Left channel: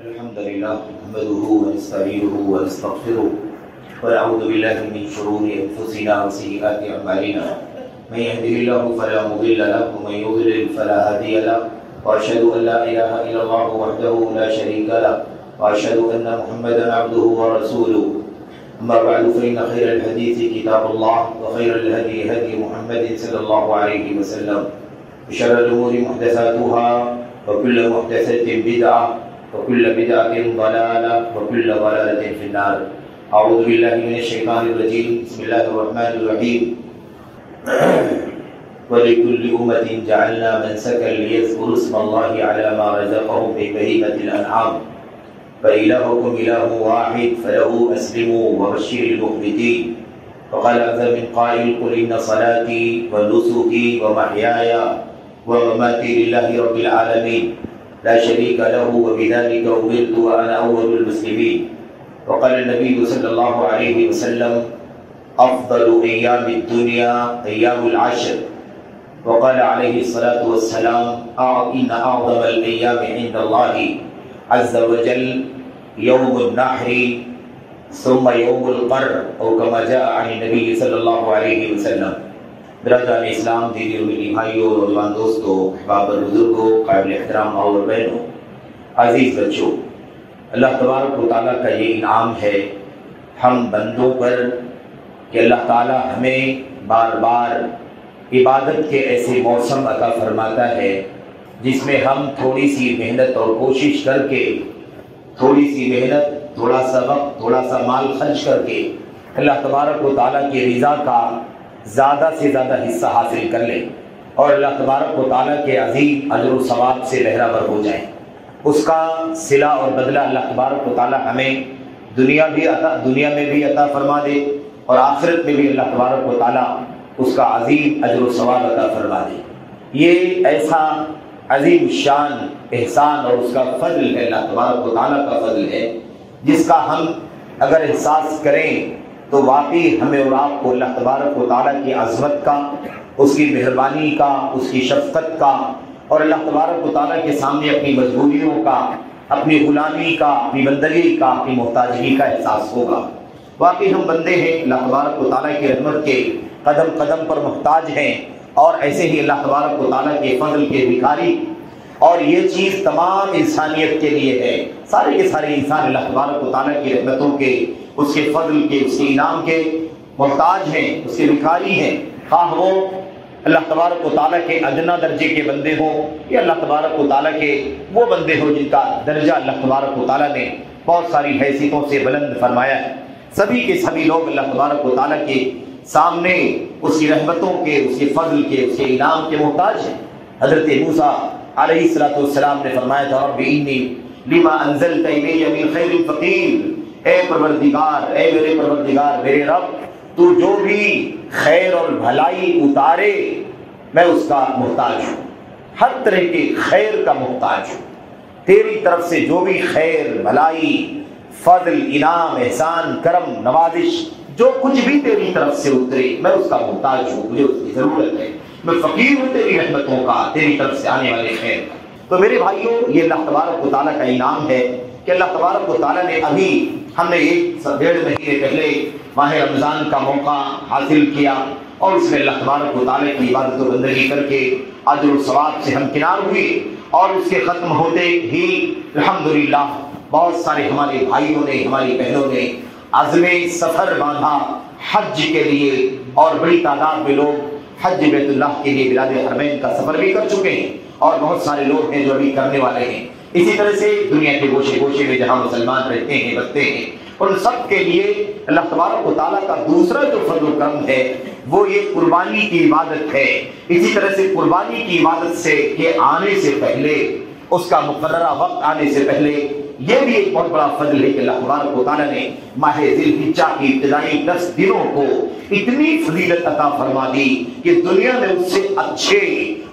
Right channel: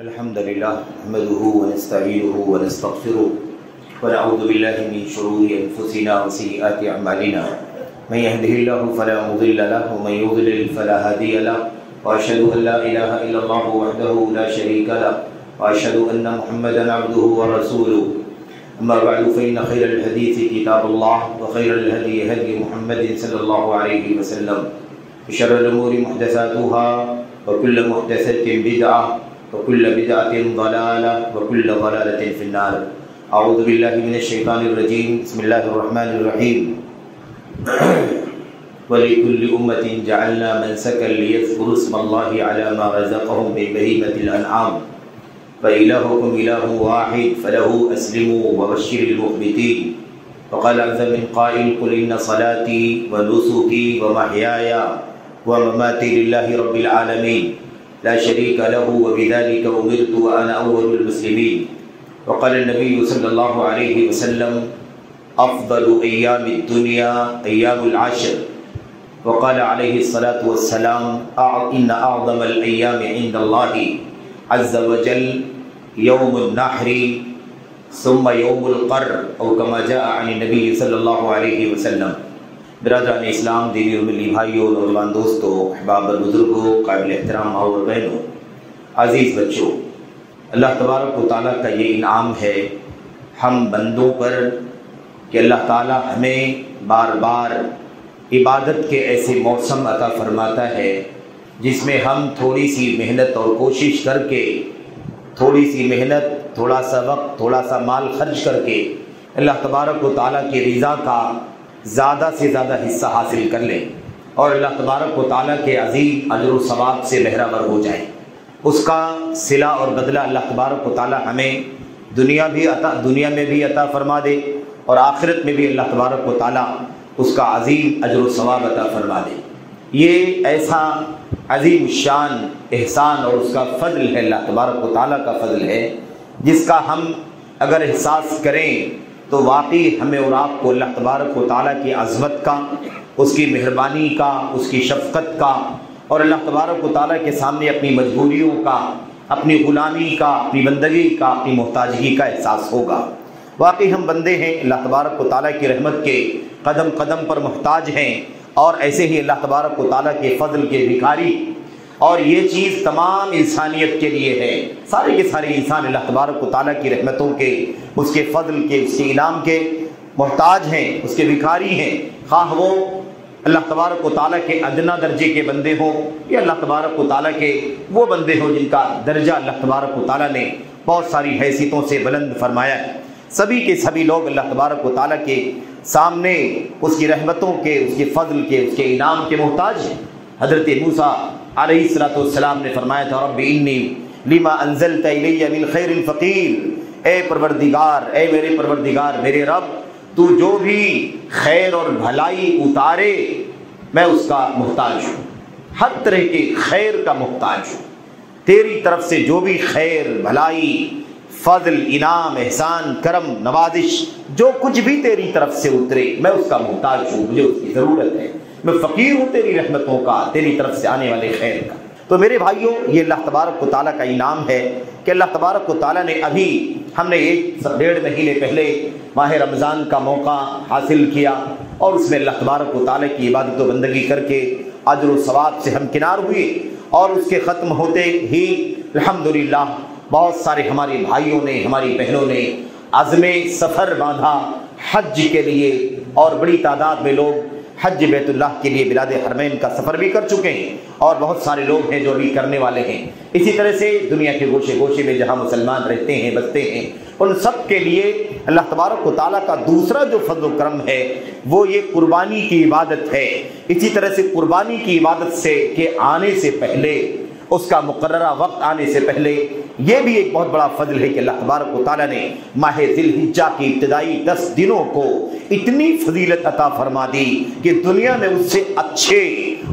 الحمد لله نحمده ونستعينه ونستغفره ونعوذ بالله من شرور أنفسنا وسيئات أعمالنا من يهده الله فلا مضل له ومن يضلل فلا هادي له وأشهد أن لا إله إلا الله وحده لا شريك له وأشهد أن محمدا عبده ورسوله أما بعد فإن خير الحديث كتاب الله وخير الهدي هدي محمد صلى الله عليه وسلم وشر الأمور محدثاتها وكل محدثة بدعة وكل بدعة ضلالة وكل ضلالة في النار. أعوذ بالله من الشيطان الرجيم. بسم الله الرحمن الرحيم. ولكل أمة جعلنا منسكا ليذكروا اسم الله على ما رزقهم من بهيمة الأنعام فإلهكم إله واحد فله أسلموا وبشر المخبتين. وقال عز من قائل قل إن صلاتي ونسكي ومحياي ومماتي لله رب العالمين لا شريك له وبذلك أمرت وأنا أول المسلمين. وقال النبي صلى الله عليه وسلم أفضل أيام الدنيا أيام العشر. وقال عليه الصلاة والسلام إن أعظم الأيام عند الله عز وجل يوم النحر ثم يوم القر أو كما جاء عن النبي صلى الله عليه وسلم. برادران اسلام، دینی اور ملی بھائیوں، نوجوان دوستوں، احباب اور بزرگوں، قابل احترام اور بہنوں، عزیز بچوں، اللہ تبارک و تعالیٰ کا یہ انعام ہے ہم بندوں پر کہ اللہ تعالیٰ ہمیں بار بار عبادت کے ایسے موسم عطا فرماتا ہے جس میں ہم تھوڑی سی محنت اور کوشش کر کے، تھوڑی سی محنت، تھوڑا سا وقت، تھوڑا سا مال خرچ کر کے اللہ تبارک و تعالیٰ کی رضا کا زیادہ سے زیادہ حصہ حاصل کر لیں اور اللہ تبارک و تعالیٰ کے عظیم اجر و ثواب سے بہرہ ہو جائیں. اس کا صلہ اور بدلہ اللہ تبارک و تعالیٰ ہمیں دنیا میں بھی عطا فرما دے اور آخرت میں بھی اللہ تبارک و تعالیٰ اس کا عظیم اجر و ثواب عطا فرما دے. یہ ایسا عظیم شان احسان اور اس کا فضل ہے، اللہ تبارک و تعالیٰ کا فضل ہے، جس کا ہم اگر احساس کریں تو واقعی ہمیں اور آپ کو اللہ تبارک و تعالیٰ کی عظمت کا، اس کی مہربانی کا، اس کی شفقت کا اور اللہ تبارک و تعالیٰ کے سامنے اپنی مجبوریوں کا، اپنی غلامی کا، اپنی بندگی کا، اپنی محتاجگی کا احساس ہوگا. واقعی ہم بندے ہیں، اللہ تبارک و تعالیٰ کی رحمت کے قدم قدم پر محتاج ہیں اور ایسے ہی اللہ تبارک و تعالیٰ کے فضل کے بھکاری. اور یہ چیز تمام انسانیت کے لیے ہے. سارے کے سارے انسان اللہ تبارک و تعالیٰ کی رحمتوں کے، اس کے فضل کے، اس کے انعام کے محتاج ہیں، اس کے بھکاری ہیں. خواہ وہ اللہ تبارک و تعالیٰ کے ادنا درجے کے بندے ہوں یا اللہ تبارک و تعالیٰ کے وہ بندے ہوں جن کا درجہ اللہ تبارک و تعالیٰ نے بہت ساری حیثیتوں سے بلند فرمایا ہے. سبھی کے سبھی لوگ اللہ تبارک و تعالیٰ کے سامنے اس کی رحمتوں کے، اس کے فضل کے، اس کے انعام کے محتاج ہیں. حضرت موسیٰ علیہ السلام نے فرمایا تھا رب انی لما انزلت الی من خیر فقیر، اے پروردگار، اے میرے پروردگار، میرے رب، تو جو بھی خیر اور بھلائی اتارے میں اس کا محتاج ہوں، ہر طرح کے خیر کا محتاج ہوں. تیری طرف سے جو بھی خیر، بھلائی، فضل، انعام، احسان، کرم، نوازش، جو کچھ بھی تیری طرف سے اترے میں اس کا محتاج ہوں، مجھے اس کی ضرورت ہے. میں فقیر ہوں تیری رحمتوں کا، تیری طرف سے آنے والے خیر کا. تو میرے بھائیوں، یہ اللہ تبارک و تعالیٰ کا انعام ہے کہ اللہ تبارک و تعالیٰ نے ابھی ہم نے 1.5 مہینے پہلے ماہ رمضان کا موقع حاصل کیا اور اس میں اللہ تبارک و تعالیٰ کی عبادت و بندگی کر کے اجر و ثواب سے ہمکنار ہوئے. اور اس کے ختم ہوتے ہی الحمدللہ بہت سارے ہمارے بھائیوں نے، ہماری بہنوں نے عزم سفر باندھا حج کے لیے اور بڑی تعداد میں لوگ حج بیت اللہ کے لیے بلاد حرمین کا سفر بھی کر چکے ہیں اور بہت سارے لوگ ہیں جو بھی کرنے والے ہیں. اسی طرح سے دنیا کے گوشے گوشے میں جہاں مسلمان رہتے ہیں، بستے ہیں، ان سب کے لیے اللہ تبارک و تعالیٰ کا دوسرا جو فضل و کرم ہے وہ یہ قربانی کی عبادت ہے. اسی طرح سے قربانی کی عبادت سے کے آنے سے پہلے، اس کا مقررہ وقت آنے سے پہلے یہ بھی ایک بہت بڑا فضل ہے کہ اللہ تبارک و تعالیٰ نے ماہ ذی الحجہ کی ابتدائی 10 دنوں کو اتنی فضیلت عطا فرما دی کہ دنیا میں اس سے اچھے،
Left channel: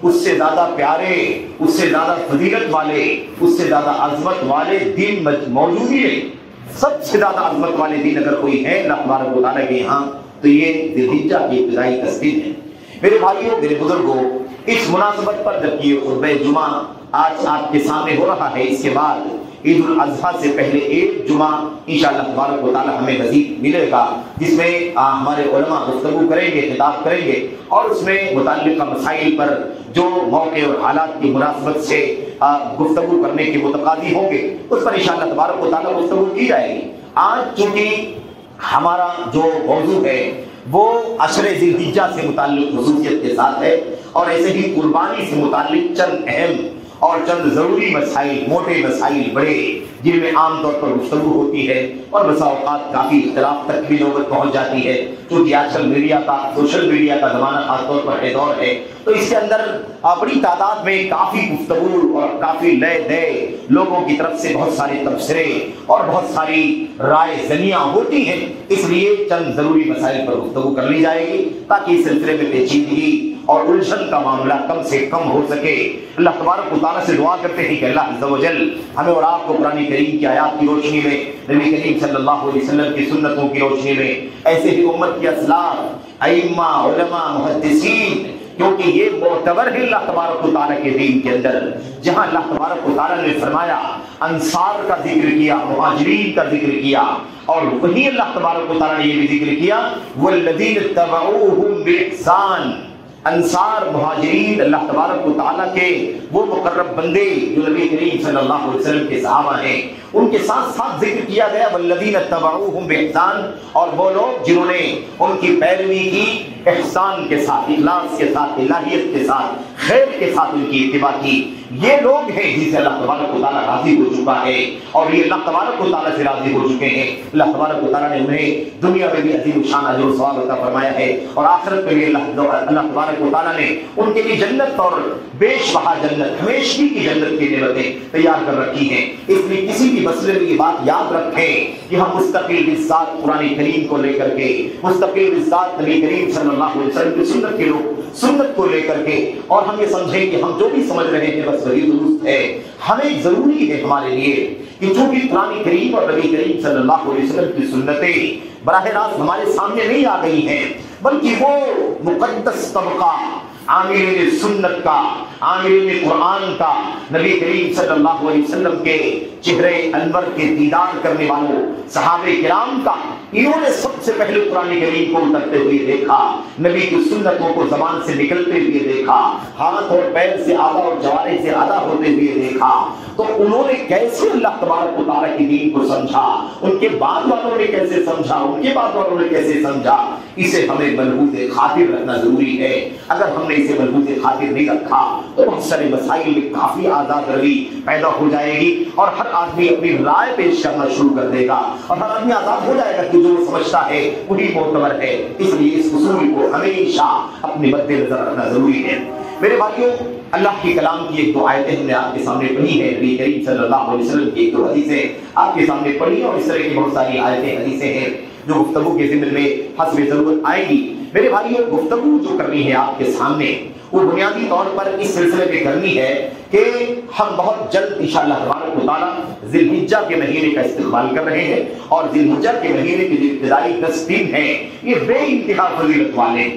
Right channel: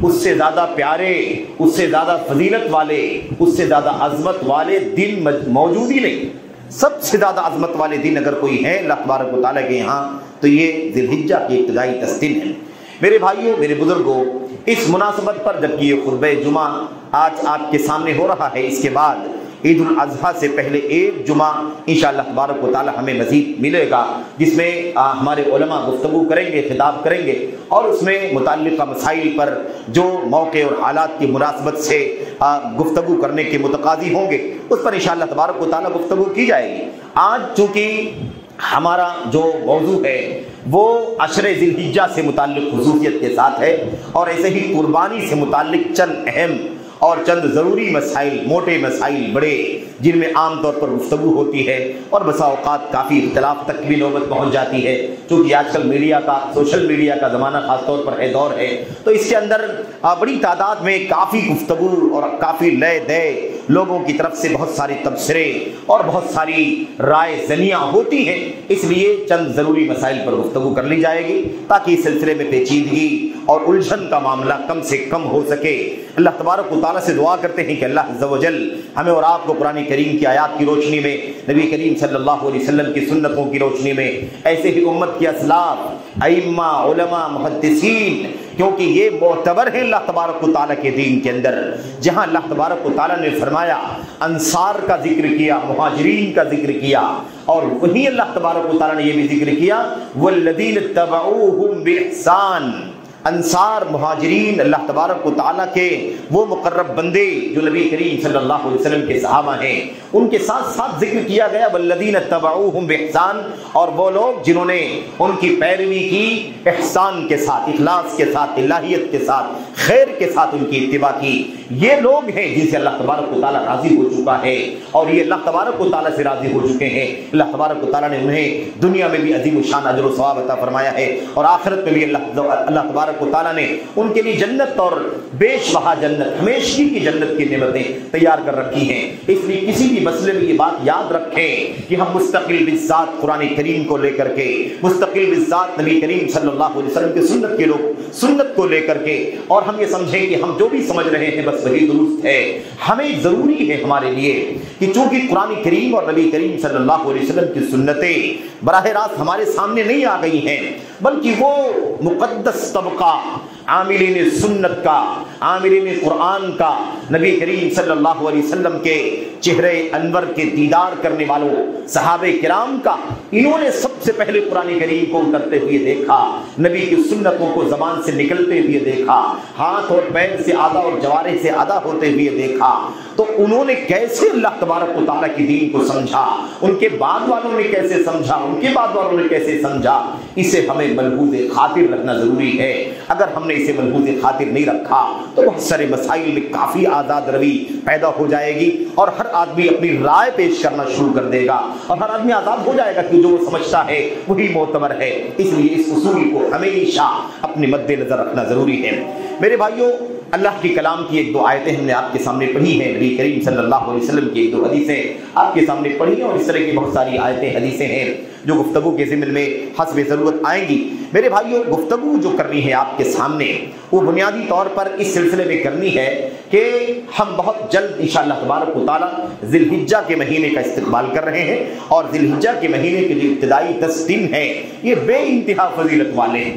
اس سے زیادہ پیارے، اس سے زیادہ فضیلت والے، اس سے زیادہ عظمت والے دن موجود ہی نہیں. سب سے زیادہ عظمت والے دن اگر کوئی ہے اللہ تبارک و تعالیٰ کے یہاں تو یہ ذی الحجہ کی ابتدائی 10 دن ہے. میرے بھائیوں، میرے بزرگوں، اس مناسبت پر جبکہ یہ خطبہ جمعہ آج آپ کے سامنے ہو رہا ہے، اس کے بعد عید الاضحیٰ سے پہلے ایک جمعہ انشاءاللہ تبارک و تعالی ہمیں مزید ملے گا، جس میں ہمارے علماء گفتگو کریں گے، خطاب کریں گے، اور اس میں متعلقہ مسائل پر جو موقع اور حالات کی مناسبت سے گفتگو کرنے کے متقاضی ہوں گے اس پر انشاءاللہ تبارک و تعالی گفتگو کی جائے گی۔ آج چونکہ ہمارا جو موضوع ہے وہ عشر ذی الحجہ سے متعلق خصوصیت کے ساتھ ہے، اور ایسے ہی قربانی سے متعلق چند اہم اور چند ضروری مسائل، موٹے مسائل بڑے، جن میں عام طور پر گفتگو ہوتی ہے اور بسا اوقات کافی اختلاف تک بھی نوبت پہنچ جاتی ہے، کیونکہ آج کل میڈیا کا، سوشل میڈیا کا زمانہ خاص طور پر ہے، دور ہے، تو اس کے اندر بڑی تعداد میں کافی گفتگو اور کافی لئے دئے لوگوں کی طرف سے بہت سارے تبصرے اور بہت ساری رائے زنیاں ہوتی ہیں، اس لیے چند ضروری مسائل پر گفتگو کر لی جائے گی تاکہ اس سلسلے میں پیچیدگی اور الجھن کا معاملہ کم سے کم ہو سکے۔ اللہ تبارک و تعالیٰ سے دعا کرتے ہیں کہ اللہ عز و جل ہمیں اور آپ کو قرآن کریم کی آیات کی روشنی میں، نبی کریم صلی اللہ علیہ وسلم کی سنتوں کی روشنی میں، ایسے ہی امت کی اسلاف، ائمہ، علماء، محدثین، کیونکہ یہ معتبر ہے اللہ تبارک و تعالیٰ کے دین کے اندر، جہاں اللہ تبارک و تعالیٰ نے فرمایا، انصار کا ذکر کیا، مہاجرین کا ذکر کیا، اور وہی اللہ تبارک و تعالیٰ نے یہ بھی ذکر کیا والذین اتبعوہم بإحسان، انصار، مہاجرین، اللہ تبارک و تعالیٰ کے وہ مقرب بندے جو نبی کریم صلی اللہ علیہ وسلم کے صحابہ ہیں، ان کے ساتھ ساتھ ذکر کیا گیا والذین اتبعوہم بإحسان، اور وہ لوگ جنہوں نے ان کی پیروی کی احسان کے ساتھ، اخلاص کے ساتھ، الہیت کے ساتھ، خیر کے ساتھ ان کی اتباع کی، یہ لوگ ہیں جن سے اللہ تبارک و تعالیٰ راضی ہو چکا ہے، اور یہ اللہ تبارک و تعالیٰ سے راضی ہو چکے ہیں۔ اللہ تبارک و تعالیٰ نے انہیں دنیا میں بھی عظیم الشان اجر و ثواب عطا فرمایا ہے، اور آخرت میں بھی اللہ تبارک و تعالیٰ نے ان کے لیے جنت اور بیش بہا جنت، ہمیشگی کی جنت کی نعمتیں تیار کر رکھی ہیں۔ اس لیے کسی بھی مسئلے میں یہ بات یاد رکھیں کہ ہم مستقل بالذات قرآن کریم کو لے کر کے، مستقل بالذات نبی کریم صلی اللہ علیہ وسلم کی سنت کے لوگ سنت کو لے کر کے، اور ہم یہ سمجھیں کہ ہم جو بھی سمجھ رہے ہیں بس وہی درست ہے۔ ہمیں ضروری ہے ہمارے لیے کہ چونکہ قرآن کریم اور نبی کریم صلی اللہ علیہ وسلم کی سنتیں براہ راست ہمارے سامنے نہیں آ گئی ہیں، بلکہ وہ مقدس طبقہ عاملین سنت کا، عاملین قرآن کا، نبی کریم صلی اللہ علیہ وسلم کے چہرے انور کے دیدار کرنے والوں صحابہ کرام کا، انہوں نے سب سے پہلے قرآن کریم کو اترتے ہوئے دیکھا، نبی کی سنتوں کو زبان سے نکلتے ہوئے دیکھا، ہاتھ اور پیر سے آدھا اور جوارح سے آدھا ہوتے ہوئے دیکھا، تو انہوں نے کیسے اللہ تبارک و تعالیٰ کی دین کو سمجھا، ان کے بعد والوں نے کیسے سمجھا، ان کے بعد والوں نے کیسے سمجھا، اسے ہمیں ملحوظ خاطر رکھنا ضروری ہے۔ اگر ہم نے اسے ملحوظ خاطر نہیں رکھا تو بہت سارے مسائل میں کافی آزاد روی پیدا ہو جائے گی، اور ہر آدمی اپنی رائے پیش کرنا شروع کر دے گا، اور ہر آدمی آزاد ہو جائے گا کہ جو وہ سمجھتا ہے وہی معتبر ہے۔ اس لیے اس اصول کو ہمیشہ اپنے مد نظر رکھنا ضروری ہے۔ میرے بھائیوں، اللہ کی کلام کی ایک دو آیتیں ہم نے آپ کے سامنے پڑھی ہیں، نبی کریم صلی اللہ علیہ وسلم کی ایک دو حدیثیں آپ کے سامنے پڑھی ہیں، اور اس طرح کی بہت ساری آیتیں، حدیثیں ہیں جو گفتگو کے ضمن میں حسب ضرورت آئیں گی۔ میرے بھائیوں، گفتگو جو کرنی ہے آپ کے سامنے وہ بنیادی طور پر اس سلسلے میں کرنی ہے کہ ہم بہت جلد انشاءاللہ تبارک و تعالی ذی الحجہ کے مہینے کا استقبال کر رہے ہیں، اور ذی الحجہ کے مہینے کے جو ابتدائی 10 دن ہیں یہ بے انتہا فضیلت والے ہیں۔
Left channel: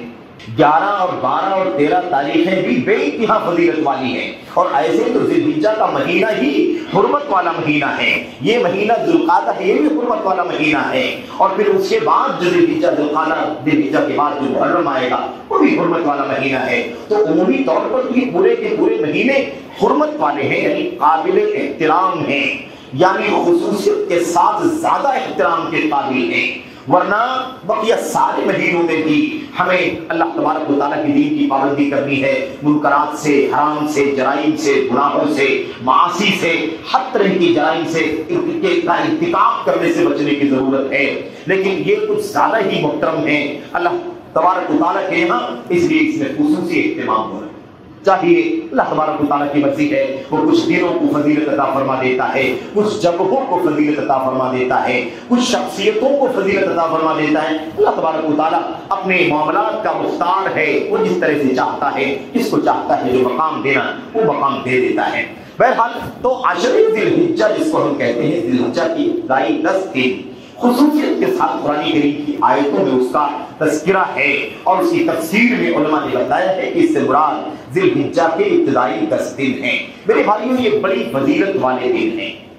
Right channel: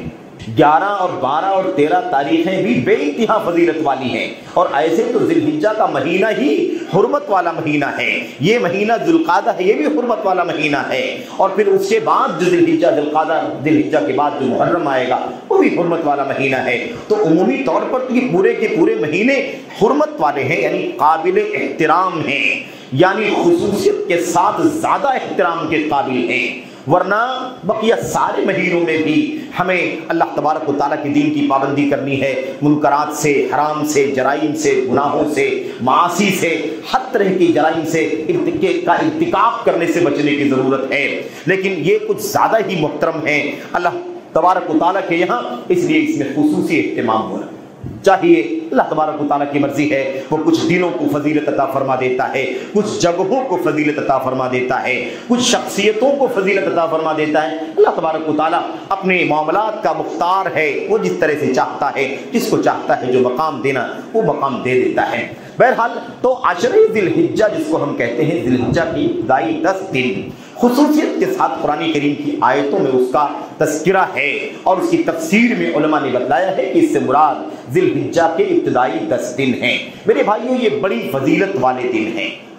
11 اور 12 اور 13 تاریخیں بھی بے انتہا فضیلت والی ہیں، اور ایسے تو ذی الحجہ کا مہینہ ہی حرمت والا مہینہ ہے، یہ مہینہ ذو القعدہ ہے، یہ بھی حرمت والا مہینہ ہے، اور پھر اس کے بعد جو ذی الحجہ، ذو القعدہ، ذی الحجہ کے بعد جو محرم آئے گا وہ بھی حرمت والا مہینہ ہے۔ تو عمومی طور پر یہ پورے کے پورے مہینے حرمت والے ہیں، یعنی قابل احترام ہیں، یعنی خصوصیت کے ساتھ زیادہ احترام کے قابل ہیں، ورنہ بقیہ سارے مہینوں میں بھی ہمیں اللہ تبارک و تعالیٰ کی دین کی پابندی کرنی ہے، منکرات سے، حرام سے، جرائم سے، گناہوں سے، معاصی سے، ہر طرح کی جرائم سے کا ارتکاب کرنے سے بچنے کی ضرورت ہے، لیکن یہ کچھ زیادہ ہی محترم ہیں اللہ تبارک و تعالیٰ کے یہاں، اس لیے اس میں خصوصی اہتمام ہو رہا ہے۔ چاہیے اللہ تبارک و تعالیٰ کی مرضی ہے، وہ کچھ دنوں کو فضیلت عطا فرما دیتا ہے، کچھ جگہوں کو فضیلت عطا فرما دیتا ہے، کچھ شخصیتوں کو فضیلت عطا فرما دیتا ہے۔ اللہ تبارک و تعالیٰ اپنے معاملات کا مختار ہے، وہ جس طرح سے چاہتا ہے، جس کو چاہتا ہے جو مقام دینا وہ مقام دے دیتا ہے۔ بہرحال تو عشر ذی الحجہ جس کو ہم کہتے ہیں، ذی الحجہ کی ابتدائی 10 دن خصوصیت کے ساتھ قرآن کریم کی آیتوں میں اس کا تذکرہ ہے، اور اس کی تفسیر میں علماء نے بتایا ہے کہ اس سے مراد ذی الحجہ کے ابتدائی 10 دن ہیں۔ میرے بھائیوں، یہ بڑی فضیلت والے دن ہیں،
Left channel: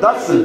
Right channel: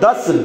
10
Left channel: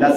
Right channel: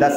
10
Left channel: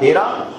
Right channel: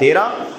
13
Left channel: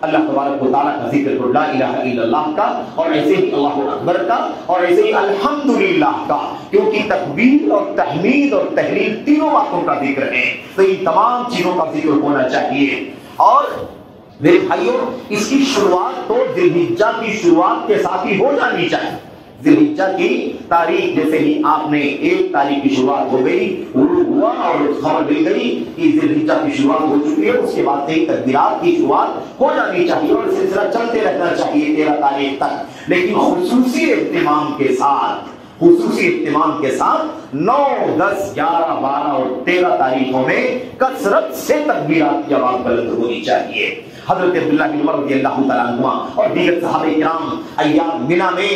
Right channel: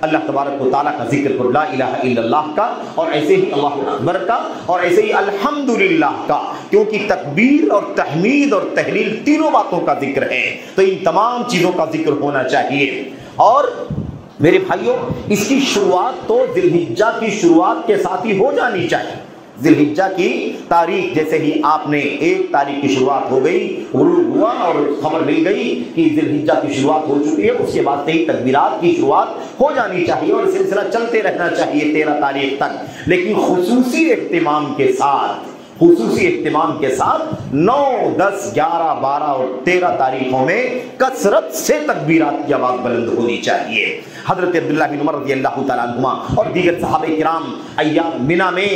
اللہ تبارک و تعالیٰ کا ذکر کرو، لا الہ الا اللہ کا، اور ایسے ہی اللہ اکبر کا، اور ایسے ہی الحمدللہ کا، کیونکہ تکبیر اور تحمید اور تحلیل تینوں باتوں کا ذکر ہے، تو ان تمام چیزوں کا ذکر ہونا چاہیے۔ اور میرے بھائیوں، اس کی شروعات تو ذی الحجہ کی شروعات کے ساتھ ہی ہو جانی چاہیے۔ ذی الحجہ کی تاریخ جیسے ہی آپ نے 1 تاریخ کی شروعات ہو گئی، غروب ہوا اور خبر مل گئی کہ ذی الحجہ کی شروعات ہو چکی ہے، اس کے بعد سے ہی تکبیرات کی شروعات ہو جانی چاہیے اور سلسلہ چلتے رہنا چاہیے 13 تاریخ تک، لیکن خصوصی اہتمام کے ساتھ 9، 10، 11، 12 اور 13 تاریخوں میں کثرت سے تکبیرات کی آواز بلند ہونی چاہیے۔ حضرت عبداللہ بن عمر رضی اللہ تعالیٰ عنہ اور دیگر صحابہ کرام ایام مینا میں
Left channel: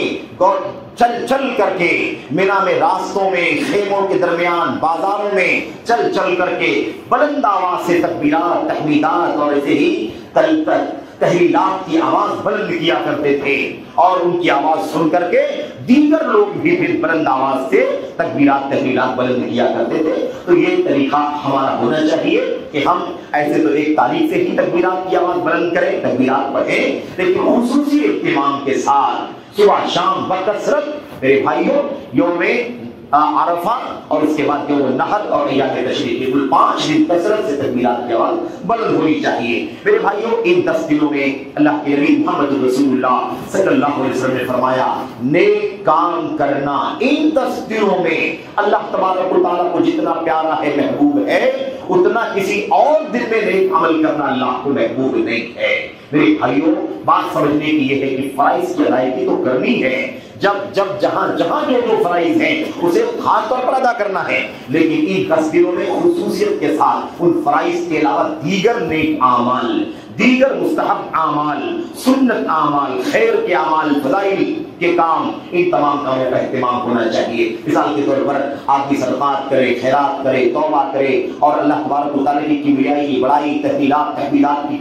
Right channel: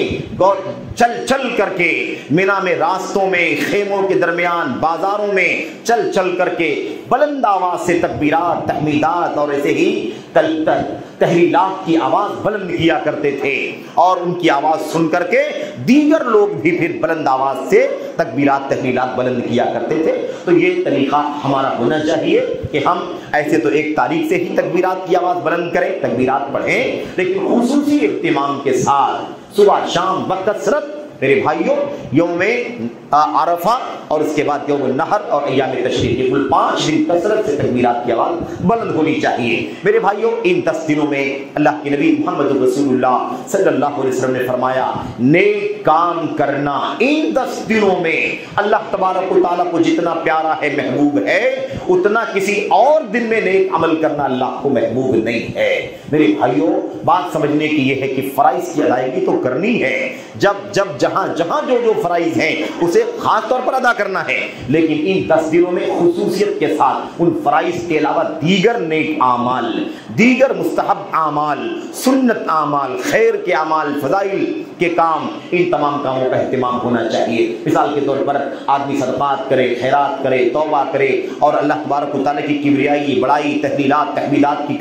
چل کر کے، مینا میں راستوں میں، خیموں کے درمیان، بازاروں میں چل کر کے بلند آواز سے تکبیرات، تحمیدات اور ایسے ہی تحلیلات کی آواز بلند کیا کرتے تھے، اور ان کی آواز سن کر کے دیگر لوگ بھی پھر بلند آواز سے تکبیرات، تحلیلات بلند کیا کرتے تھے۔ تو یہ طریقہ ہمارا ہونا چاہیے کہ ہم ایسے تو 1 تاریخ سے ہی تکبیرات کی آواز بلند کریں، تکبیرات پڑھیں، لیکن خصوصی اہتمام کے ساتھ صبح شام بکثرت میرے بھائیوں یوم عرفہ اور اس کے بعد یوم النحر اور ایام تشریق کے کل 5 دن کثرت سے تکبیرات کی آواز بلند ہونی چاہیے۔ میرے بھائیوں، ان 10 دنوں میں اللہ کے نبی محمد رسول اللہ صلی اللہ علیہ وسلم نے فرمایا نیک کام کرنا ان 10 دنوں میں اللہ تبارک و تعالیٰ کو جتنا پیارا ہے، محبوب ہے، اتنا کسی اور دن میں نیک عمل کرنا اللہ کو محبوب نہیں ہے۔ میرے بھائیوں، بات سمجھنے کی یہ ہے کہ فرائض کی ادائیگی تو کرنی ہے، جب جہاں جو فرائض ہیں اسے خاص طور پر ادا کرنا ہے، لیکن ان 10 دنوں میں خصوصیت کے ساتھ ان فرائض کے علاوہ دیگر نیک اعمال، دیگر مستحب اعمال، سنت اعمال، خیر کے اعمال، فضائل کے کام، ان تمام کاموں کا اہتمام ہونا چاہیے۔ مثال کے طور پر آدمی صدقات کرے، خیرات کرے، توبہ کرے اور اللہ تبارک و تعالیٰ کی کبریائی، بڑائی، تحلیلات، تحمیدات کی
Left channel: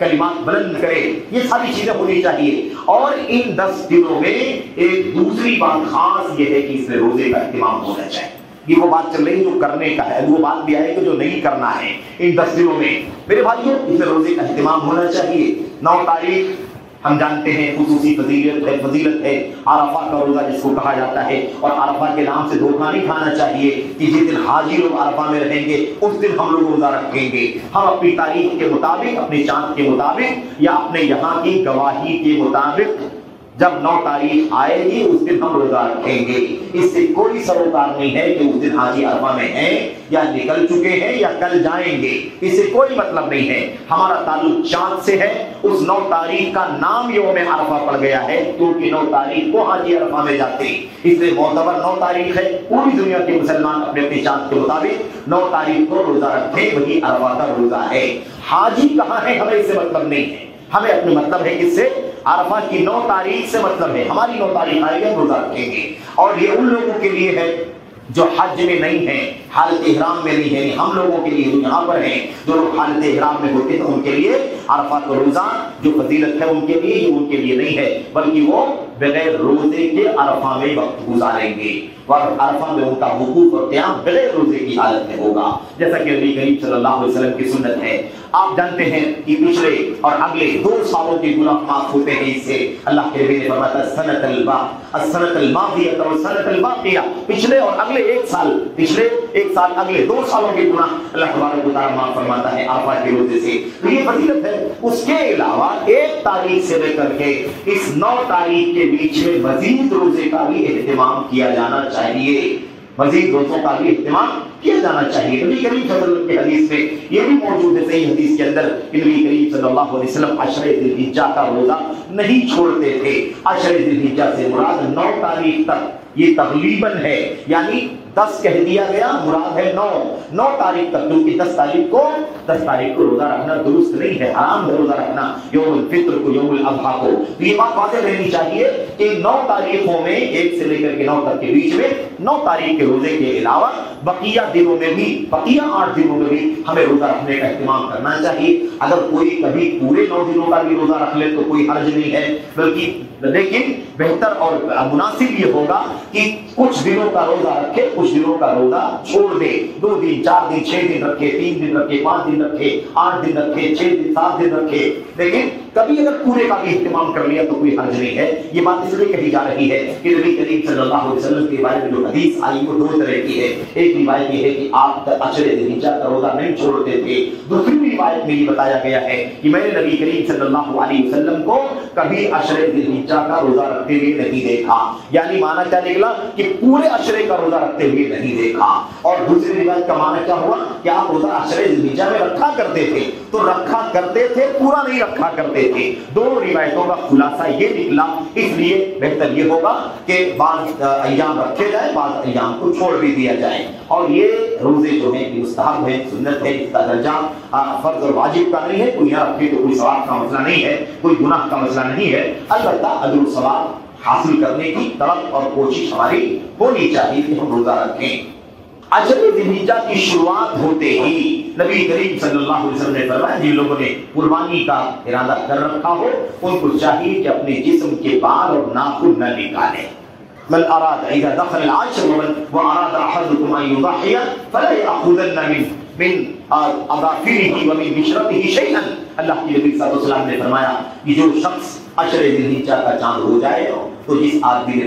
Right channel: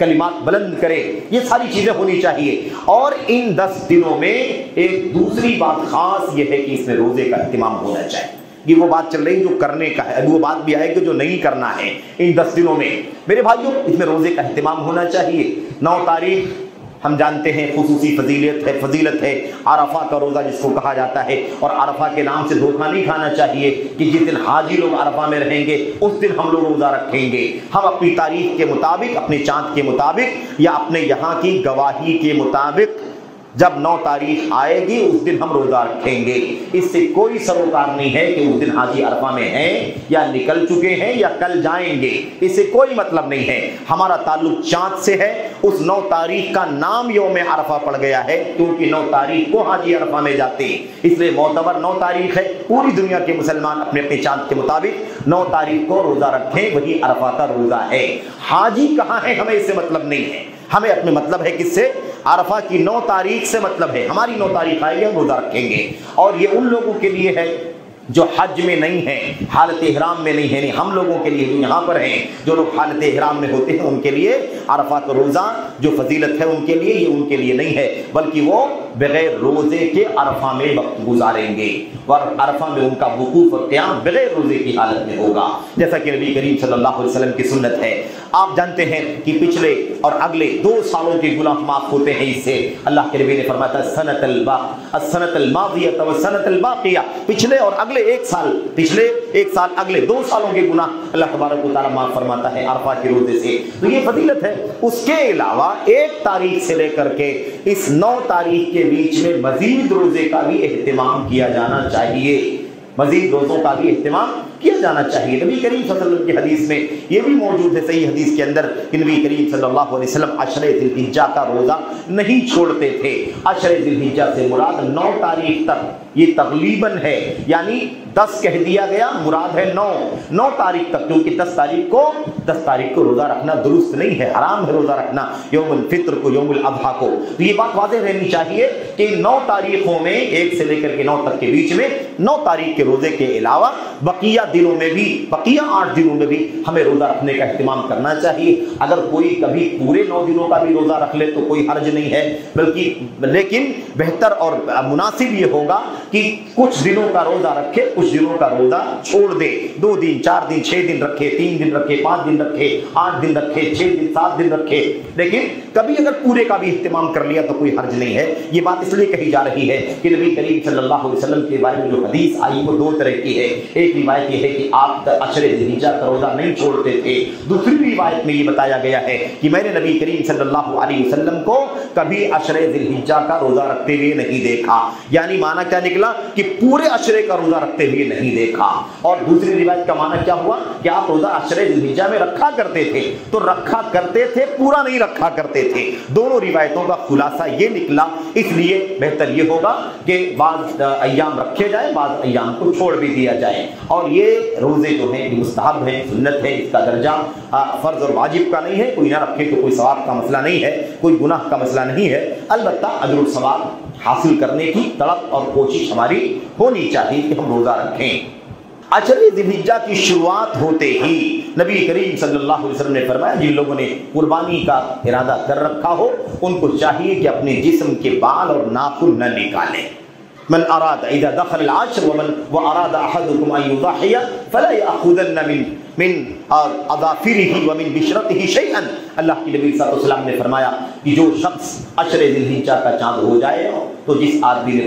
کلمات بلند کرے، یہ ساری چیزیں ہونی چاہیے۔ اور ان 10 دنوں میں ایک دوسری بات خاص یہ ہے کہ اس میں روزے کا اہتمام ہونا چاہیے۔ یہ وہ بات چل رہی جو کرنے کا ہے، وہ بات بھی آئے کہ جو نہیں کرنا ہے ان 10 دنوں میں۔ میرے بھائیوں، اس میں روزے کا اہتمام ہونا چاہیے۔ 9 تاریخ ہم جانتے ہیں خصوصی فضیلت ہے عرفہ کا روزہ جس کو کہا جاتا ہے، اور عرفہ کے نام سے دھوکہ نہیں کھانا چاہیے کہ جس دن حاجی لوگ عرفہ میں رہیں گے اس دن ہم لوگ روزہ رکھیں گے۔ ہم اپنی تاریخ کے مطابق، اپنے چاند کے مطابق یا اپنے یہاں کی گواہی کے مطابق جب 9 تاریخ آئے گی اس دن ہم روزہ رکھیں گے۔ اس سے کوئی سروکار نہیں ہے کہ اس دن حاجی عرفہ میں ہیں یا نکل چکے ہیں یا کل جائیں گے، اس سے کوئی مطلب نہیں ہے۔ ہمارا تعلق چاند سے ہے۔ اس 9 تاریخ کا نام یوم عرفہ پڑ گیا ہے کیونکہ 9 تاریخ کو حاجی عرفہ میں جاتے ہیں، اس لیے معتبر 9 تاریخ ہے۔ پوری دنیا کے مسلمان اپنے اپنے چاند کے مطابق 9 تاریخ کو روزہ رکھیں، وہی عرفہ کا روزہ ہے۔ حاجی کہاں ہے ہمیں اس سے مطلب نہیں ہے، ہمیں اپنے مطلب ہے کس سے؟ عرفہ کی 9 تاریخ سے مطلب ہے۔ ہماری 9 تاریخ آئے گی ہم روزہ رکھیں گے، اور یہ ان لوگوں کے لیے ہے جو حج میں نہیں ہیں، حالت احرام میں نہیں ہے، ہم لوگوں کے لیے جو یہاں پر ہیں، جو لوگ حالت احرام میں ہوتے ہیں ان کے لیے عرفہ کا روزہ جو فضیلت ہے ان کے لیے، یہ ان کے لیے نہیں ہے، بلکہ وہ بغیر روزے کے عرفہ میں وقت گزاریں گے، اور عرفہ میں ان کا وقوف اور قیام بغیر روزے کی حالت میں ہوگا، جیسا کہ نبی کریم صلی اللہ علیہ وسلم کی سنت ہے۔ آپ جانتے ہیں کہ پچھلے اور اگلے 2 سالوں کے گناہ معاف ہوتے ہیں اس سے۔ اللہ کے نبی نے فرمایا السنۃ الماضیہ والسنۃ الباقیہ، پچھلے اور اگلے 1 سال، پچھلے 1 سال اگلے 2 سالوں کے گناہ اللہ تبارک و تعالیٰ معاف فرماتا ہے عرفہ کے روزے سے، تو یہ فضیلت ہے۔ اس کے علاوہ 1 تاریخ سے لے کر کے اس 9 تاریخ کے بیچ میں مزید روزے کا بھی اہتمام کیا جانا چاہیے، مزید روزوں کا بھی اہتمام کیا جانا چاہیے۔ نبی کریم صلی اللہ علیہ وسلم کی حدیث میں یہ بھی موجود ہے، صحیح حدیث کے اندر، کہ نبی کریم صلی اللہ علیہ وسلم عشر ذی الحجہ کا روزہ نہیں چھوڑتے تھے۔ عشر ذی الحجہ سے مراد 9 تاریخ تک، یہ تقریباً ہے، یعنی 10 کہہ دیا گیا، مراد ہے 9 تاریخ تک، کیونکہ 10 تاریخ کو روزہ رکھنا درست نہیں ہے، حرام ہے روزہ رکھنا یوم الفطر کو، یوم الاضحیٰ کو۔ تو یہ بات واضح رہنی چاہیے کہ 9 تاریخوں میں 1 سے لے کر کے 9 تک کے بیچ میں 9 تاریخ کے روزے کے علاوہ بقیہ دنوں میں بھی، بقیہ 8 دنوں میں بھی ہمیں روزہ رکھنے کا اہتمام کرنا چاہیے۔ اگر کوئی کبھی پورے 9 دنوں کا بھی روزہ رکھ لے تو کوئی حرج نہیں ہے، بلکہ لیکن بہتر اور مناسب یہ ہوگا کہ کچھ دنوں کا روزہ رکھے، کچھ دنوں کا روزہ چھوڑ دے، 2 دن 4 دن 6 دن رکھے، 3 دن رکھے، 5 دن رکھے، 8 دن رکھے، 6 دن 7 دن رکھے، لیکن کبھی اگر پورے کا بھی اہتمام کر لیا تو کوئی حرج نہیں ہے۔ یہ بات اس لیے کہی جا رہی ہے کہ نبی کریم صلی اللہ علیہ وسلم کے بارے میں جو حدیث آئی وہ 2 طرح کی ہے۔ ایک روایت یہ ہے کہ آپ عشر ذی الحجہ کا روزہ نہیں چھوڑتے تھے، دوسری روایت میں یہ بتایا گیا ہے کہ میں نے نبی کریم صلی اللہ علیہ وسلم کو کبھی عشر ذی الحجہ کا روزہ رکھتے ہوئے نہیں دیکھا، یعنی معنی کیا نکلا کہ پورے عشرے کا روزہ رکھتے ہوئے نہیں دیکھا۔ اور دوسری روایت کا معنی کیا ہوا کہ آپ روزہ عشر ذی الحجہ میں رکھا کرتے تھے، تو رکھا کرتے تھے، پورا نہیں رکھا کرتے تھے۔ دونوں روایتوں کا خلاصہ یہ نکلا، اس لیے بہتر یہ ہوگا کہ بعض ایام رکھے جائیں، بعض ایام کو چھوڑ بھی دیا جائے۔ اور یہ روزے جو ہیں مستحب ہیں، سنت ہے، اس کا درجہ فرض اور واجب کا نہیں ہے، کوئی نہ رکھے تو کوئی ثواب کا مسئلہ نہیں ہے، کوئی گناہ کا مسئلہ نہیں ہے، البتہ اجر و ثواب حاصل کرنے کی تڑپ اور کوشش ہماری ہونی چاہیے کہ ہم روزہ رکھیں۔ عشر ذی الحجہ کی شروعات ہوتے ہی نبی کریم صلی اللہ علیہ وسلم نے فرمایا جن لوگوں نے قربانی کا ارادہ کر رکھا ہو ان کو چاہیے کہ اپنے جسم کے بال اور ناخن نہ نکالیں۔ من اراد اذا دخل العشر واراد احدكم ان يضحي فلا ياخذن من اظافره ومن بشرته شيئا۔ اللہ کے نبی صلی اللہ علیہ وسلم نے فرمایا کہ جو شخص عشر ذی الحجہ کا چاند ہو جائے تو جس آدمی نے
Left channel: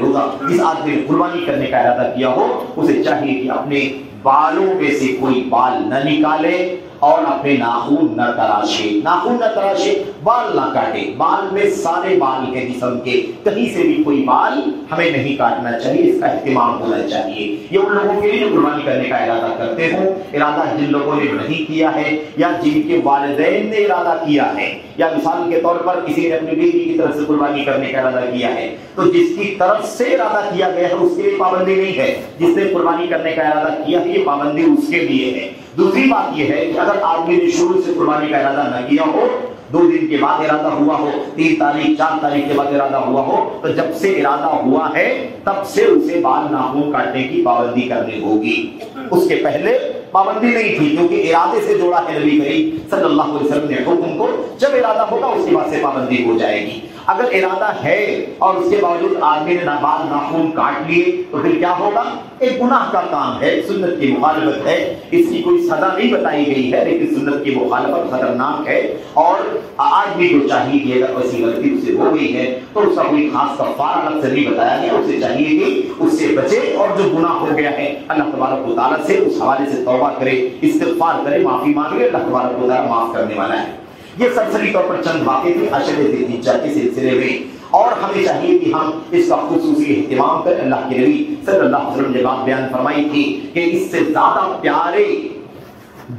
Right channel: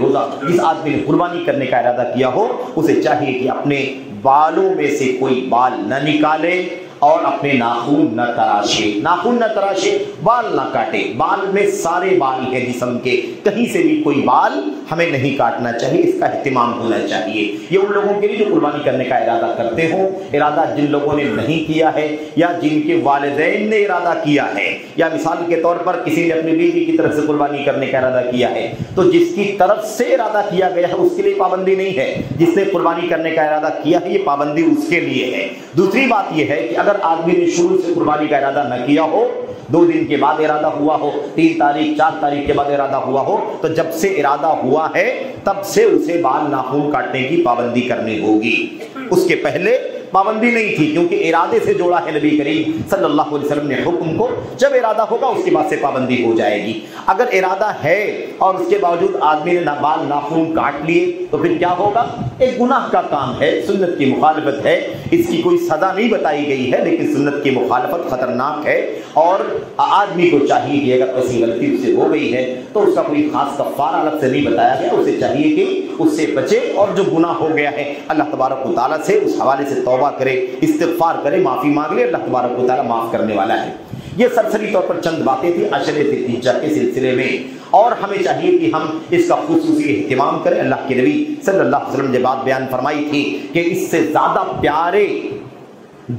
قربانی کرنے کا ارادہ کیا ہو اسے چاہیے کہ اپنے بالوں میں سے کوئی بال نہ نکالے اور اپنے ناخن نہ تراشے، بال نہ کاٹے۔ بال میں سارے بال ہیں جسم کے، کہیں سے بھی کوئی بال ہمیں نہیں کاٹنا چاہیے، اس کا اہتمام ہونا چاہیے۔ یہ ان لوگوں کے لیے قربانی کرنے کا ارادہ کرتے ہوں، ارادہ جن لوگوں نے نہیں کیا ہے یا جن کے والدین نے ارادہ کیا ہے، یا مثال کے طور پر کسی نے اپنی بیوی کی طرف سے قربانی کرنے کا ارادہ کیا ہے تو جس کی طرف سے ارادہ کیا گیا ہے اس کے لیے پابندی نہیں ہے، جس نے قربانی کرنے کا ارادہ کیا ہے یہ پابندی اس کے لیے ہے۔ دوسری بات یہ ہے کہ اگر آدمی نے شروع سے قربانی کا ارادہ نہ کیا ہو، 2 دن کے بعد ارادہ ہوا ہو، 3 تاریخ 4 تاریخ کے بعد ارادہ ہوا ہو، تو جب سے ارادہ ہوا ہے تب سے اسے بال ناخن کاٹنے کی پابندی کرنی ہوگی، اس کے پہلے پابندی نہیں تھی، کیونکہ ارادے سے جوڑا ہے نبی کریم صلی اللہ علیہ وسلم نے حکم کو، جب ارادہ ہوگا اس کے بعد سے پابندی ہو جائے گی۔ اگر ارادہ ہے اور اس کے باوجود آدمی نے بال ناخن کاٹ لیے تو پھر کیا ہوگا؟ ایک گناہ کا کام ہے، سنت کی مخالفت ہے، اس کی کوئی سزا نہیں بتائی گئی ہے لیکن سنت کی مخالفت خطرناک ہے، اور آدمی کو چاہیے کہ اگر ایسی غلطی اس سے ہو گئی ہے تو اس کا کوئی خاص کفارہ الگ سے نہیں بتایا گیا، اسے چاہیے کہ اس سے بچے اور جو گناہ ہو گیا ہے اللہ تبارک و تعالیٰ سے اس حوالے سے توبہ کرے، استغفار کرے، معافی مانگ لے، اللہ تبارک و تعالیٰ معاف کرنے والا ہے۔ یہ سرسری طور پر چند باتیں تھیں عشر ذی الحجہ کے سلسلے میں، اور ہمیں چاہیے کہ ہم اس کا خصوصی اہتمام کریں۔ اللہ کے نبی صلی اللہ علیہ وسلم نے بات بیان فرمائی تھی کہ اس سے زیادہ پیارے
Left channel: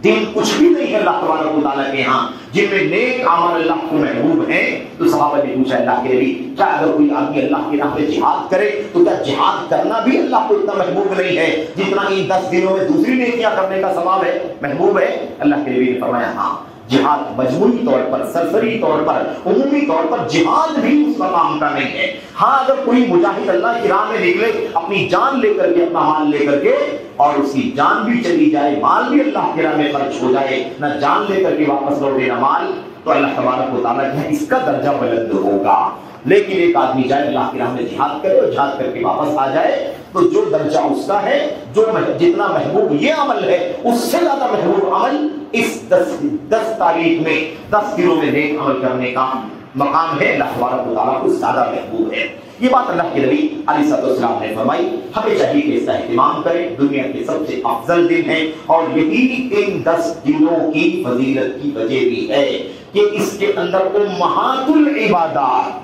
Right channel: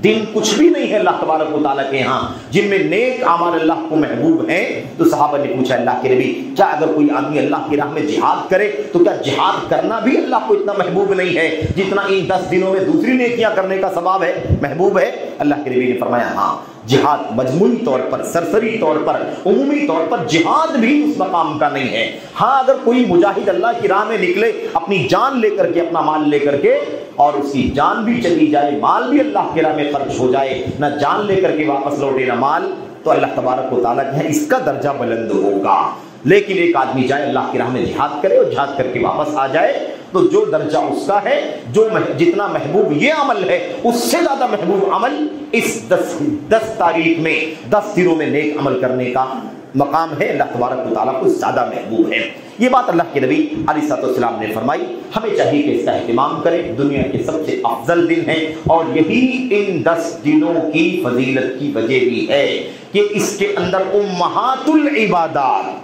دن کچھ بھی نہیں ہے اللہ تبارک و تعالیٰ کے ہاں جن میں نیک عمل اللہ کو محبوب ہیں۔ تو صحابہ نے پوچھا اللہ کے نبی کیا اگر کوئی آدمی اللہ کی راہ میں جہاد کرے تو کیا جہاد کرنا بھی اللہ کو اتنا محبوب نہیں ہے جتنا ان 10 دنوں میں دوسری نیکیاں کرنے کا ثواب ہے، محبوب ہے؟ اللہ کے نبی نے فرمایا ہاں، جہاد مجموعی طور پر، سرسری طور پر، عمومی طور پر جہاد بھی اس مقام کا نہیں ہے۔ ہاں اگر کوئی مجاہد اللہ کی راہ میں نکلے اپنی جان لے کر کے، اپنا مال لے کر کے، اور اس کی جان بھی چلی جائے، مال بھی اللہ کی راہ میں خرچ ہو جائے، نہ جان لے کر کے واپس لوٹے نہ مال، تو اللہ تبارک و تعالیٰ کہ اس کا درجہ بلند ہوگا۔ لیکن ایک آدمی جائے اللہ کی راہ میں جہاد کرے اور جہاد کر کے واپس آ جائے تو جو درجہ اس کا ہے، جو جتنا محبوب یہ عمل ہے اس سے زیادہ محبوب عمل اس 10 تاریخ میں 10 دنوں میں نیک عمل کرنے کا مقام ہے، اللہ تبارک و تعالیٰ کو زیادہ محبوب ہے۔ یہ بات اللہ کے نبی علیہ السلام نے فرمائی، ہمیں چاہیے کہ اس کا اہتمام کریں۔ دنیا کے سب سے افضل دن ہے اور یہی ان 10 دنوں کی فضیلت کی وجہ بھی ہے کہ اس کے اندر امہات العبادات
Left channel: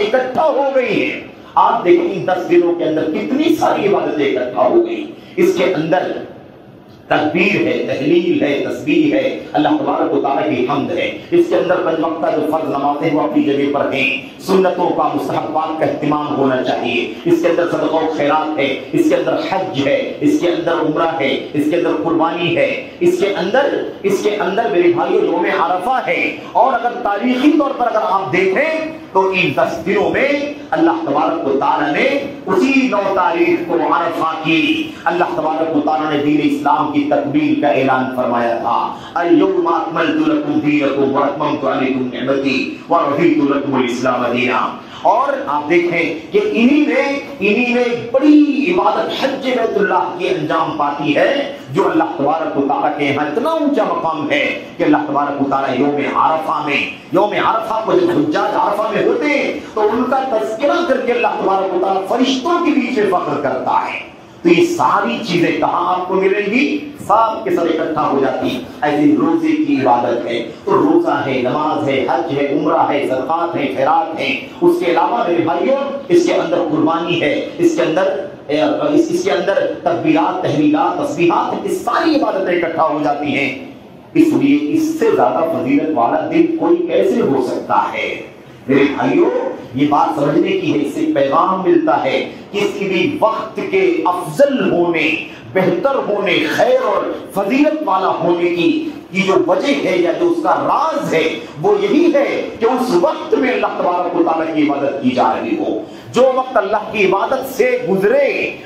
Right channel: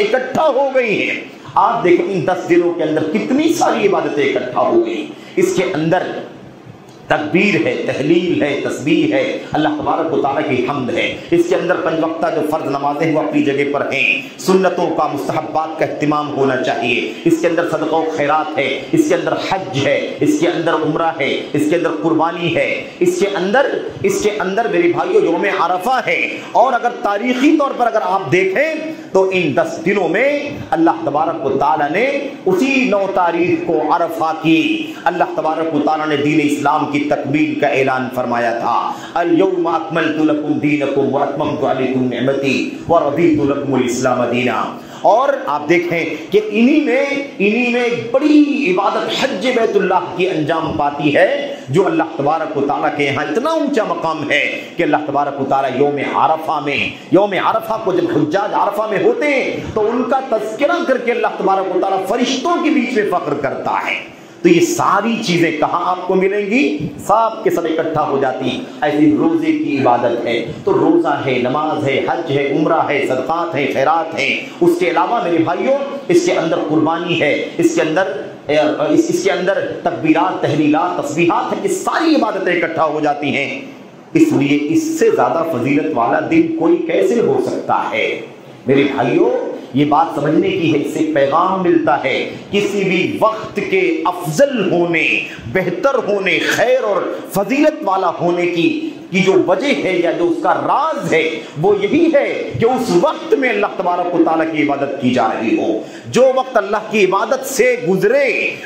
اکٹھا ہو گئی ہیں۔ آپ دیکھیں ان 10 دنوں کے اندر کتنی ساری عبادتیں اکٹھا ہو گئی۔ اس کے اندر تکبیر ہے، تحلیل ہے، تسبیح ہے، اللہ تبارک و تعالیٰ کی حمد ہے۔ اس کے اندر 5 وقتہ جو فرض نمازیں ہیں وہ اپنی جگہ پر ہیں، سنتوں کا، مستحبات کا اہتمام ہونا چاہیے۔ اس کے اندر صدقہ و خیرات ہے، اس کے اندر حج ہے، اس کے اندر عمرہ ہے، اس کے اندر قربانی ہے، اس کے اندر میرے بھائیو یوم عرفہ ہے۔ اور اگر تاریخی طور پر اگر آپ دیکھیں تو ان 10 دنوں میں اللہ تبارک و تعالیٰ نے اسی 9 تاریخ کو عرفہ کی اللہ تبارک و تعالیٰ نے دین اسلام کی تکمیل کا اعلان فرمایا تھا. الیوم اکملت لکم دینکم واتممت علیکم نعمتی ورضیت لکم الاسلام دینا. اور آپ دیکھیں کہ انہی میں بڑی عبادت حج بیت اللہ کی انجام پاتی ہے جو اللہ تبارک و تعالیٰ کے یہاں اتنا اونچا مقام ہے کہ اللہ تبارک و تعالیٰ یوم عرفہ کو جب حجاج عرفہ میں ہوتے ہیں تو ان کا تذکرہ کر کے اللہ تبارک و تعالیٰ فرشتوں کے بیچ میں فخر کرتا ہے. تو یہ ساری چیزیں کہاں آپ کو ملیں گی؟ سب کے سب اکٹھا ہو جاتی. ایسی روزے کی عبادت ہے تو روزہ ہے، نماز ہے، حج ہے، عمرہ ہے، صدقات ہے، خیرات ہیں. اس کے علاوہ میرے بھائیوں اس کے اندر قربانی ہے، اس کے اندر تکبیرات، تحلیلات، تسبیحات ہیں. یہ ساری عبادتیں اکٹھا ہو جاتی ہیں. اس لیے اس سے زیادہ فضیلت والا دن کوئی کیسے ہو سکتا ہے؟ میرے بھائیوں یہ بات سمجھنے کی ہے، اس سے پیغام ملتا ہے کسی بھی وقت کے افضل ہونے، بہتر ہونے، خیر اور فضیلت والا ہونے کی جو وجہ ہے یا جو اس کا راز ہے وہ یہی ہے کہ اس وقت میں اللہ تبارک و تعالیٰ کی عبادت کی جا رہی ہو. جو وقت اللہ کی عبادت سے گزرے،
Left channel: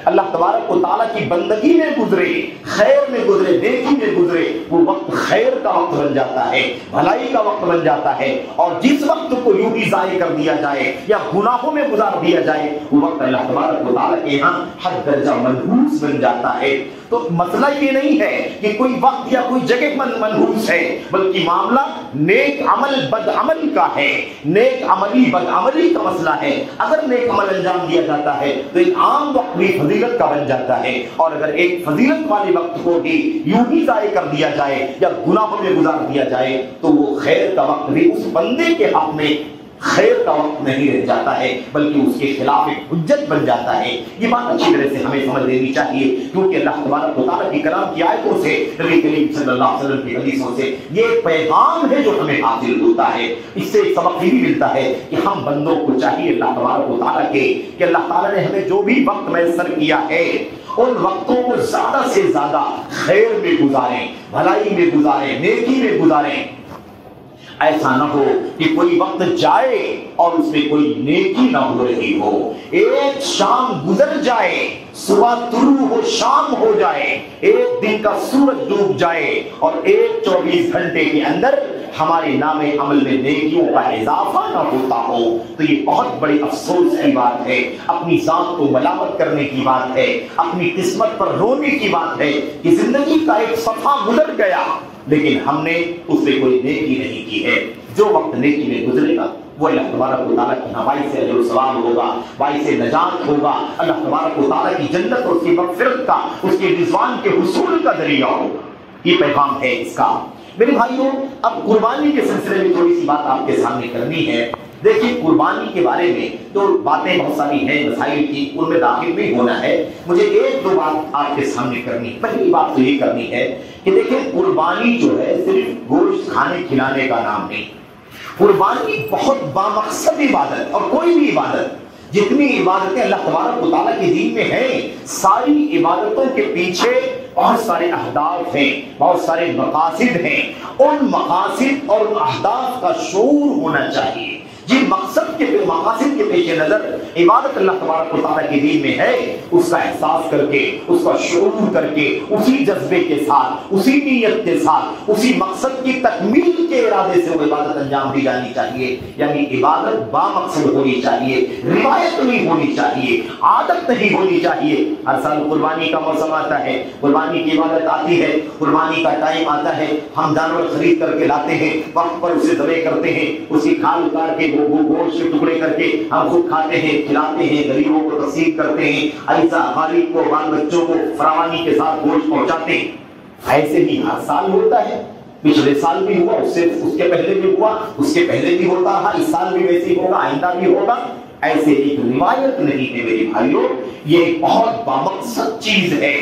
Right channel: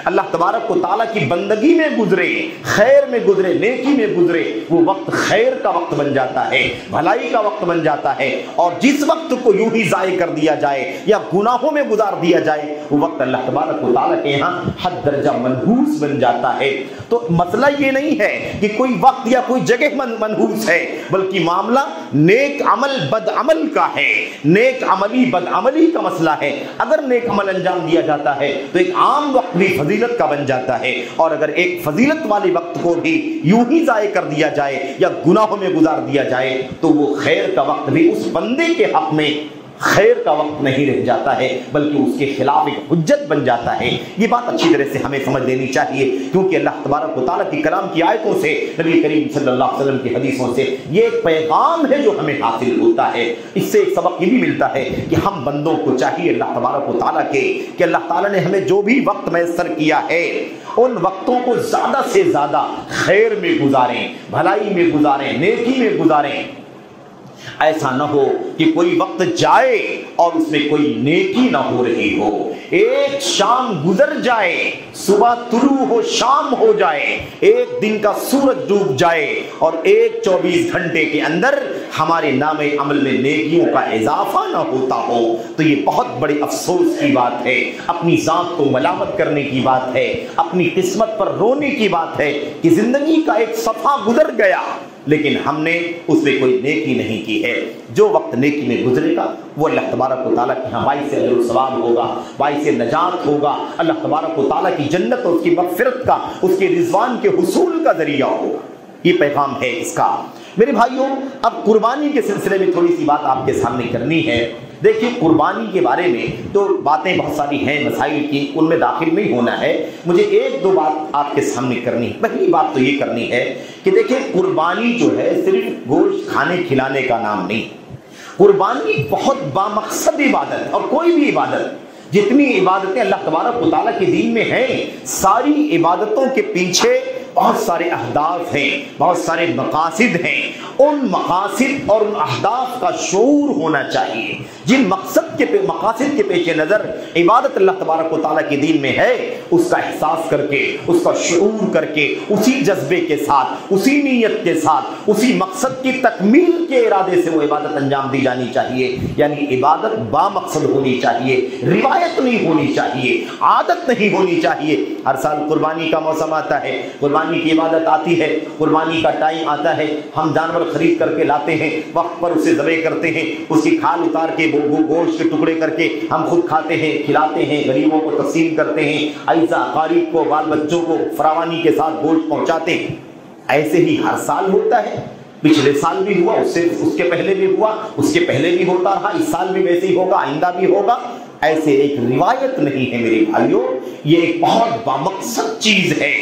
اللہ تبارک و تعالیٰ کی بندگی میں گزرے، خیر میں گزرے، نیکی میں گزرے، وہ وقت خیر کا وقت بن جاتا ہے، بھلائی کا وقت بن جاتا ہے. اور جس وقت کو یوں ہی ضائع کر دیا جائے یا گناہوں میں گزار دیا جائے وہ وقت اللہ تبارک و تعالیٰ کے یہاں حد درجہ منحوس بن جاتا ہے. تو مسئلہ یہ نہیں ہے کہ کوئی وقت یا کوئی جگہ منحوس ہے، بلکہ معاملہ نیک عمل بد عمل کا ہے، نیک عملی بد عملی کا مسئلہ ہے. اگر نیک عمل انجام دیا جاتا ہے تو ایک عام وقت بھی فضیلت کا بن جاتا ہے، اور اگر ایک فضیلت والے وقت کو بھی یوں ہی ضائع کر دیا جائے یا گناہوں میں گزار دیا جائے تو وہ خیر کا وقت بھی اس بندے کے حق میں خیر کا وقت نہیں رہ جاتا ہے، بلکہ اس کے خلاف ایک حجت بن جاتا ہے. یہ بات اچھی طرح سے ہمیں سمجھ لینی چاہیے، کیونکہ اللہ تبارک و تعالیٰ کی کلام کی آیتوں سے، نبی کریم صلی اللہ علیہ وسلم کی حدیثوں سے یہ پیغام ہے جو ہمیں حاصل ہوتا ہے. اس سے ایک سبق یہ بھی ملتا ہے کہ ہم بندوں کو چاہیے اللہ تبارک و تعالیٰ کے کہ اللہ تعالیٰ نے ہمیں جو بھی وقت میسر کیا ہے ان وقتوں کو زیادہ سے زیادہ خیر میں گزاریں، بھلائی میں گزاریں، نیکی میں گزاریں. ایسا نہ ہو کہ کوئی وقت جائے اور اس میں کوئی نیکی نہ ہو رہی ہو. ایک شام گزر جائے، صبح طلوع ہو شام ہو جائے، ایک دن کا سورج ڈوب جائے اور ایک 24 گھنٹے کے اندر ہمارے نام عمل میں نیکیوں کا اضافہ نہ ہوتا ہو تو یہ بہت بڑی افسوس کی بات ہے، اپنی ذات کو ملامت کرنے کی بات ہے، اپنی قسمت پر رونے کی بات ہے کہ زندگی کا ایک صفحہ گزر گیا لیکن ہم نے اس میں کوئی نیکی نہیں کی ہے. جو وقت نیکی میں گزرے گا وہ اللہ تبارک و تعالیٰ کی باعث اجر و ثواب ہوگا، باعث نجات ہوگا، اللہ تبارک و تعالیٰ کی جنت اور اس کی مغفرت کا، اس کے رضوان کے حصول کا ذریعہ ہوگا. یہ پیغام ہے اس کا. میرے بھائیوں اب قربانی کے سلسلے میں تھوڑی سی بات آپ کے سامنے کرنی ہے. دیکھیں قربانی کے بارے میں تو باتیں بہت ساری ہیں مسائل کی، ان میں داخل نہیں ہونا ہے. مجھے ایک دو بات آپ کے سامنے کرنی ہے. پہلی بات تو یہ کرنی ہے کہ دیکھیں قربانی جو ہے صرف گوشت کھانے کھلانے کا نام نہیں. قربانی بہت بامقصد عبادت، اور کوئی بھی عبادت، جتنی عبادتیں اللہ تبارک و تعالیٰ کے دین میں ہیں ساری عبادتوں کے پیچھے بہت سارے اہداف ہیں، بہت سارے مقاصد ہیں. ان مقاصد اور ان اہداف کا شعور ہونا چاہیے. جن مقاصد کے پیش نظر عبادت اللہ تبارک و تعالیٰ کے دین میں ہے اس کا احساس کر کے، اس کا شعور کر کے، اسی جذبے کے ساتھ، اسی نیت کے ساتھ، اسی مقصد کی تکمیل کے ارادے سے وہ عبادت انجام دی جانی چاہیے. یعنی عبادت بامقصد ہونی چاہیے، روایت نہیں ہونی چاہیے، عادت نہیں ہونی چاہیے. ہر سال قربانی کا موسم آتا ہے، قربانی کی عبادت آتی ہے، قربانی کا ٹائم آتا ہے، ہم جانور خرید کر کے لاتے ہیں، وقت پر اسے ذبح کرتے ہیں، اس کی کھال اتار کے گوشت کے ٹکڑے کر کے ہم خود کھاتے ہیں، کھلاتے ہیں، غریبوں کو تقسیم کرتے ہیں، ایسا اقارب کو، بال بچوں کو فراوانی کے ساتھ گوشت پہنچاتے ہیں. ایسے ہی ہر سال ہوتا ہے. پچھلے سال بھی ہوا، اس کے پہلے بھی ہوا، اس کے پہلے بھی ہوتا رہا، اس سال بھی ویسے ہی ہوگا، آئندہ بھی ہوگا. ایسے ایک روایت نہیں ہے میرے بھائیوں، یہ ایک بہت بامقصد چیز ہے.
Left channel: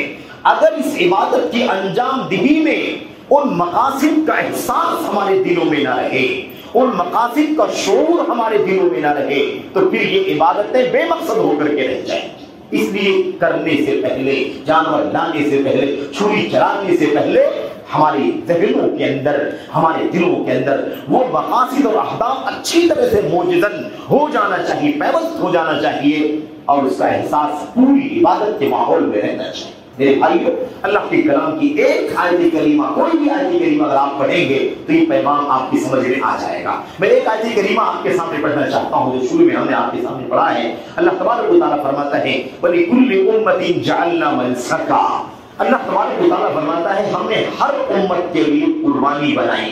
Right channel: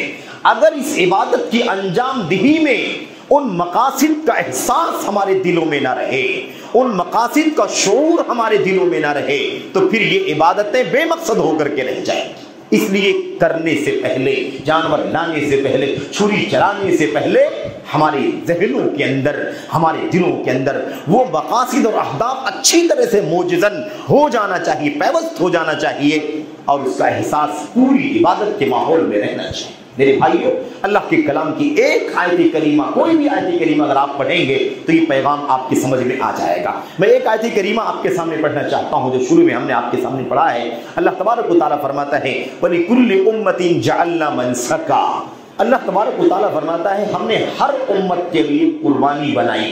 اگر اس عبادت کی انجام دہی میں ان مقاصد کا احساس ہمارے دلوں میں نہ رہے، ان مقاصد کا شعور ہمارے دلوں میں نہ رہے تو پھر یہ عبادتیں بے مقصد ہو کر کے رہ جائیں گی. اس لیے کرنے سے پہلے، جانور لانے سے پہلے، چھری چلانے سے پہلے ہمارے ذہنوں کے اندر، ہمارے دلوں کے اندر وہ مقاصد اور اہداف اچھی طرح سے موجزن ہو جانا چاہیے، پیوست ہو جانا چاہیے، اور اس کا احساس پوری عبادت کے ماحول میں رہنا چاہیے۔ میرے بھائیو، اللہ کے کلام کی ایک آیت کریمہ، کوئی بھی آیت کریمہ اگر آپ پڑھیں گے تو یہ پیغام آپ کی سمجھ میں آ جائے گا۔ میں ایک آیت کریمہ آپ کے سامنے پڑھنا چاہتا ہوں جو شروع میں ہم نے آپ کے سامنے پڑھا ہے۔ اللہ تبارک و تعالیٰ فرماتا ہے وَلِكُلِّ أُمَّةٍ جَعَلْنَا مَنسَكًا۔ اللہ تبارک و تعالیٰ فرماتا ہے ہم نے ہر امت کے لیے قربانی بنائی،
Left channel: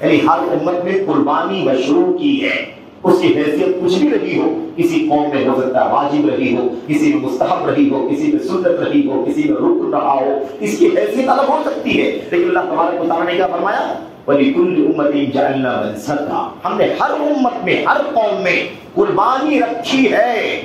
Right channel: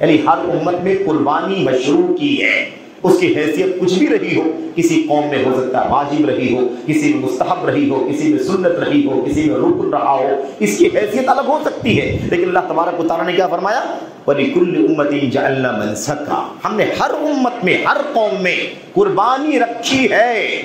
یعنی ہر امت میں قربانی مشروع کی ہے۔ اس کی حیثیت کچھ بھی رہی ہو، کسی قوم میں ہو سکتا ہے واجب رہی ہو، کسی میں مستحب رہی ہو، کسی میں سنت رہی ہو، کسی میں رکن رہا ہو، اس کی حیثیت الگ ہو سکتی ہے، لیکن اللہ تبارک و تعالیٰ نے کیا فرمایا؟ وَلِكُلِّ أُمَّةٍ جَعَلْنَا مَنسَكًا۔ ہم نے ہر امت میں، ہر قوم میں قربانی رکھی ہے۔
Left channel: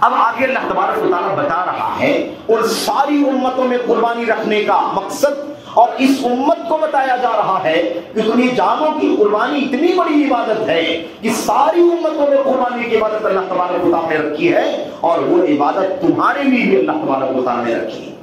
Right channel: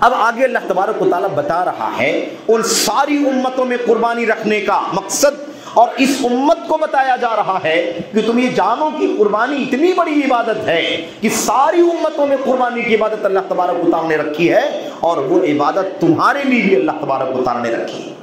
اب آگے اللہ تبارک و تعالیٰ بتا رہا ہے ان ساری امتوں میں قربانی رکھنے کا مقصد، اور اس امت کو بتایا جا رہا ہے کہ تم یہ جانو کہ قربانی اتنی بڑی عبادت ہے کہ ساری امتوں میں قربانی کی عبادت اللہ تبارک و تعالیٰ نے رکھی ہے، اور وہ عبادت تمہارے لیے بھی اللہ تبارک و تعالیٰ نے رکھی ہے۔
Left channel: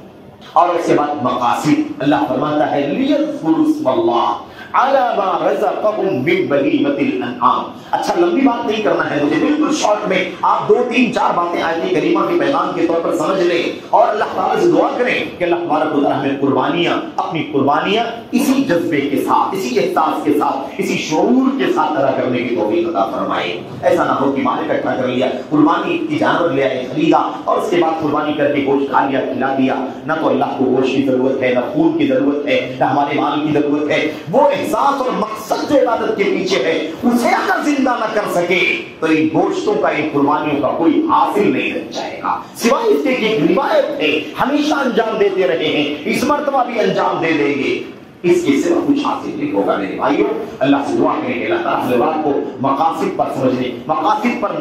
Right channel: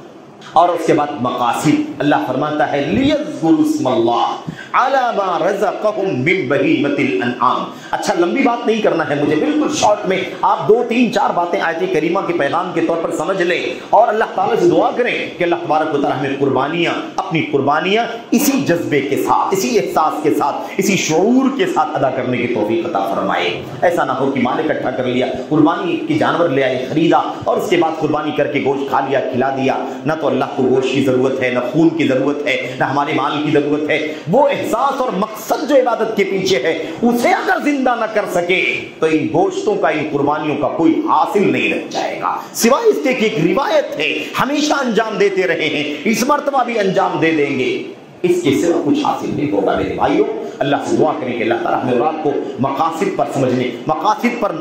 اور اس کے بعد مقاصد، اللہ فرماتا ہے لِيَذْكُرُوا اسْمَ اللَّهِ عَلَى مَا رَزَقَهُم مِّن بَهِيمَةِ الْأَنْعَامِ۔ اچھا لمبی بات نہیں کرنا ہے مجھے، بالکل شارٹ میں آپ 2 3 4 باتیں آیت کریمہ کے پیغام کے طور پر سمجھ لیں، اور اللہ تعالیٰ سے دعا کریں کہ اللہ تبارک و تعالیٰ ہمیں قربانیاں، اپنی قربانیاں اسی جذبے کے ساتھ، اسی احساس کے ساتھ، اسی شعور کے ساتھ ادا کرنے کی توفیق عطا فرمائے۔ ایسا نہ ہو کہ مال اکٹھا کر لیا، قربانی کی جانور لے آئے، خریدا، اور اس کے بعد قربانی کر کے گوشت کھا لیا، کھلا دیا۔ نہ تو اللہ کو گوشت کی ضرورت ہے، نہ خون کی ضرورت ہے، نہ ہمارے مال کی ضرورت ہے۔ وہ احساس اور مقصد جو عبادت کے پیچھے ہے اسے اگر زندہ نہ کر سکے تو ان گوشتوں کا، ان قربانیوں کا کوئی حاصل نہیں رہ جائے گا، سوائے اس کے کہ ایک روایت ہے، ہمیشہ انجام دیتے رہے ہیں، اس مرتبہ بھی انجام دے دیں گے، اس کے سوا کچھ حاصل نہیں ہوگا۔ میرے بھائیوں، اللہ سے دعا کریں کہ اللہ تعالیٰ ہمیں رات کو مقاصد پر سمجھنے، مقاصد پر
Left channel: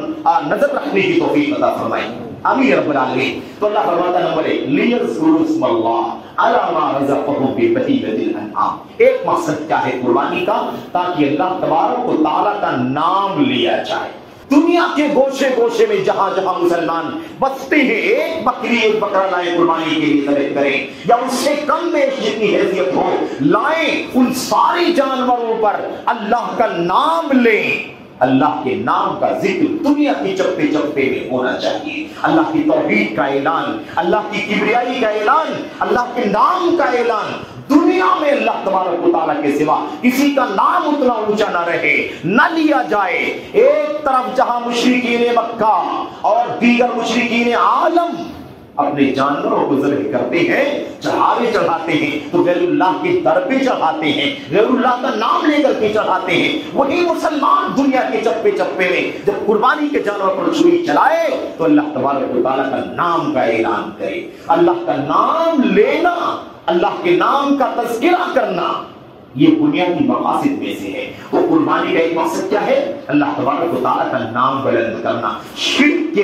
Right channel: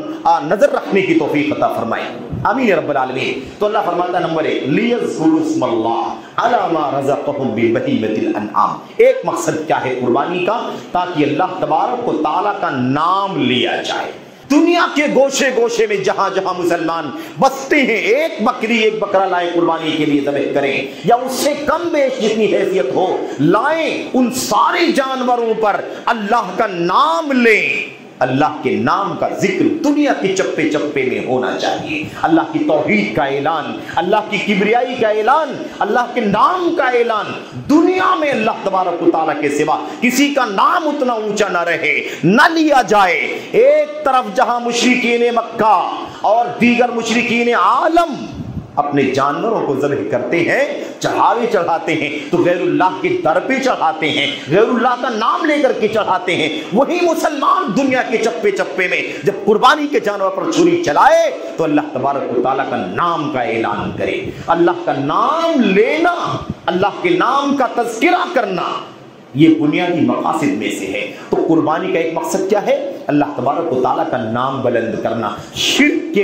نظر رکھنے کی توفیق عطا فرمائے، آمین یا رب العالمین۔ تو اللہ فرماتا ہے نمبر 1 لِيَذْكُرُوا اسْمَ اللَّهِ عَلَى مَا رَزَقَهُم مِّن بَهِيمَةِ الْأَنْعَامِ۔ ایک مقصد کیا ہے قربانی کا؟ تاکہ اللہ تبارک و تعالیٰ کا نام لیا جائے۔ دنیا کے گوشے گوشے میں جہاں جہاں مسلمان بستے ہیں، ایک بکری، ایک بکرا لائیں قربانی کے لیے ذبح کریں، یا اس سے کم بیش جتنی حیثیت ہو لائیں، ان سارے جانوروں پر اللہ کا نام لیں۔ اللہ کے نام کا ذکر دنیا کے چپے چپے میں ہونا چاہیے، اللہ کی توحید کا اعلان، اللہ کی کبریائی کا اعلان، اللہ کے نام کا اعلان۔ دنیا میں اللہ تبارک و تعالیٰ کے سوا کسی کا نام اتنا اونچا نہ رہے، نہ لیا جائے۔ ایک طرف جہاں مشرکین مکہ اور دیگر مشرکین عالم اپنے جانوروں کو ذبح کرتے ہیں، چڑھاوے چڑھاتے ہیں، تو غیر اللہ کے در پہ چڑھاتے ہیں، غیر اللہ کا نام لے کر کے چڑھاتے ہیں، وہی مسلمان دنیا کے چپے چپے میں جب قربانی کے جانور پر چھری چلائے تو اللہ تبارک و تعالیٰ کا نام کا اعلان کرے۔ اللہ کا نام لینا، اللہ کے نام کا تذکرہ کرنا، یہ بنیادی مقاصد میں سے ہے۔ تو قربانی کا ایک مقصد کیا ہے؟ اللہ تبارک و تعالیٰ کا نام بلند کرنا، شرک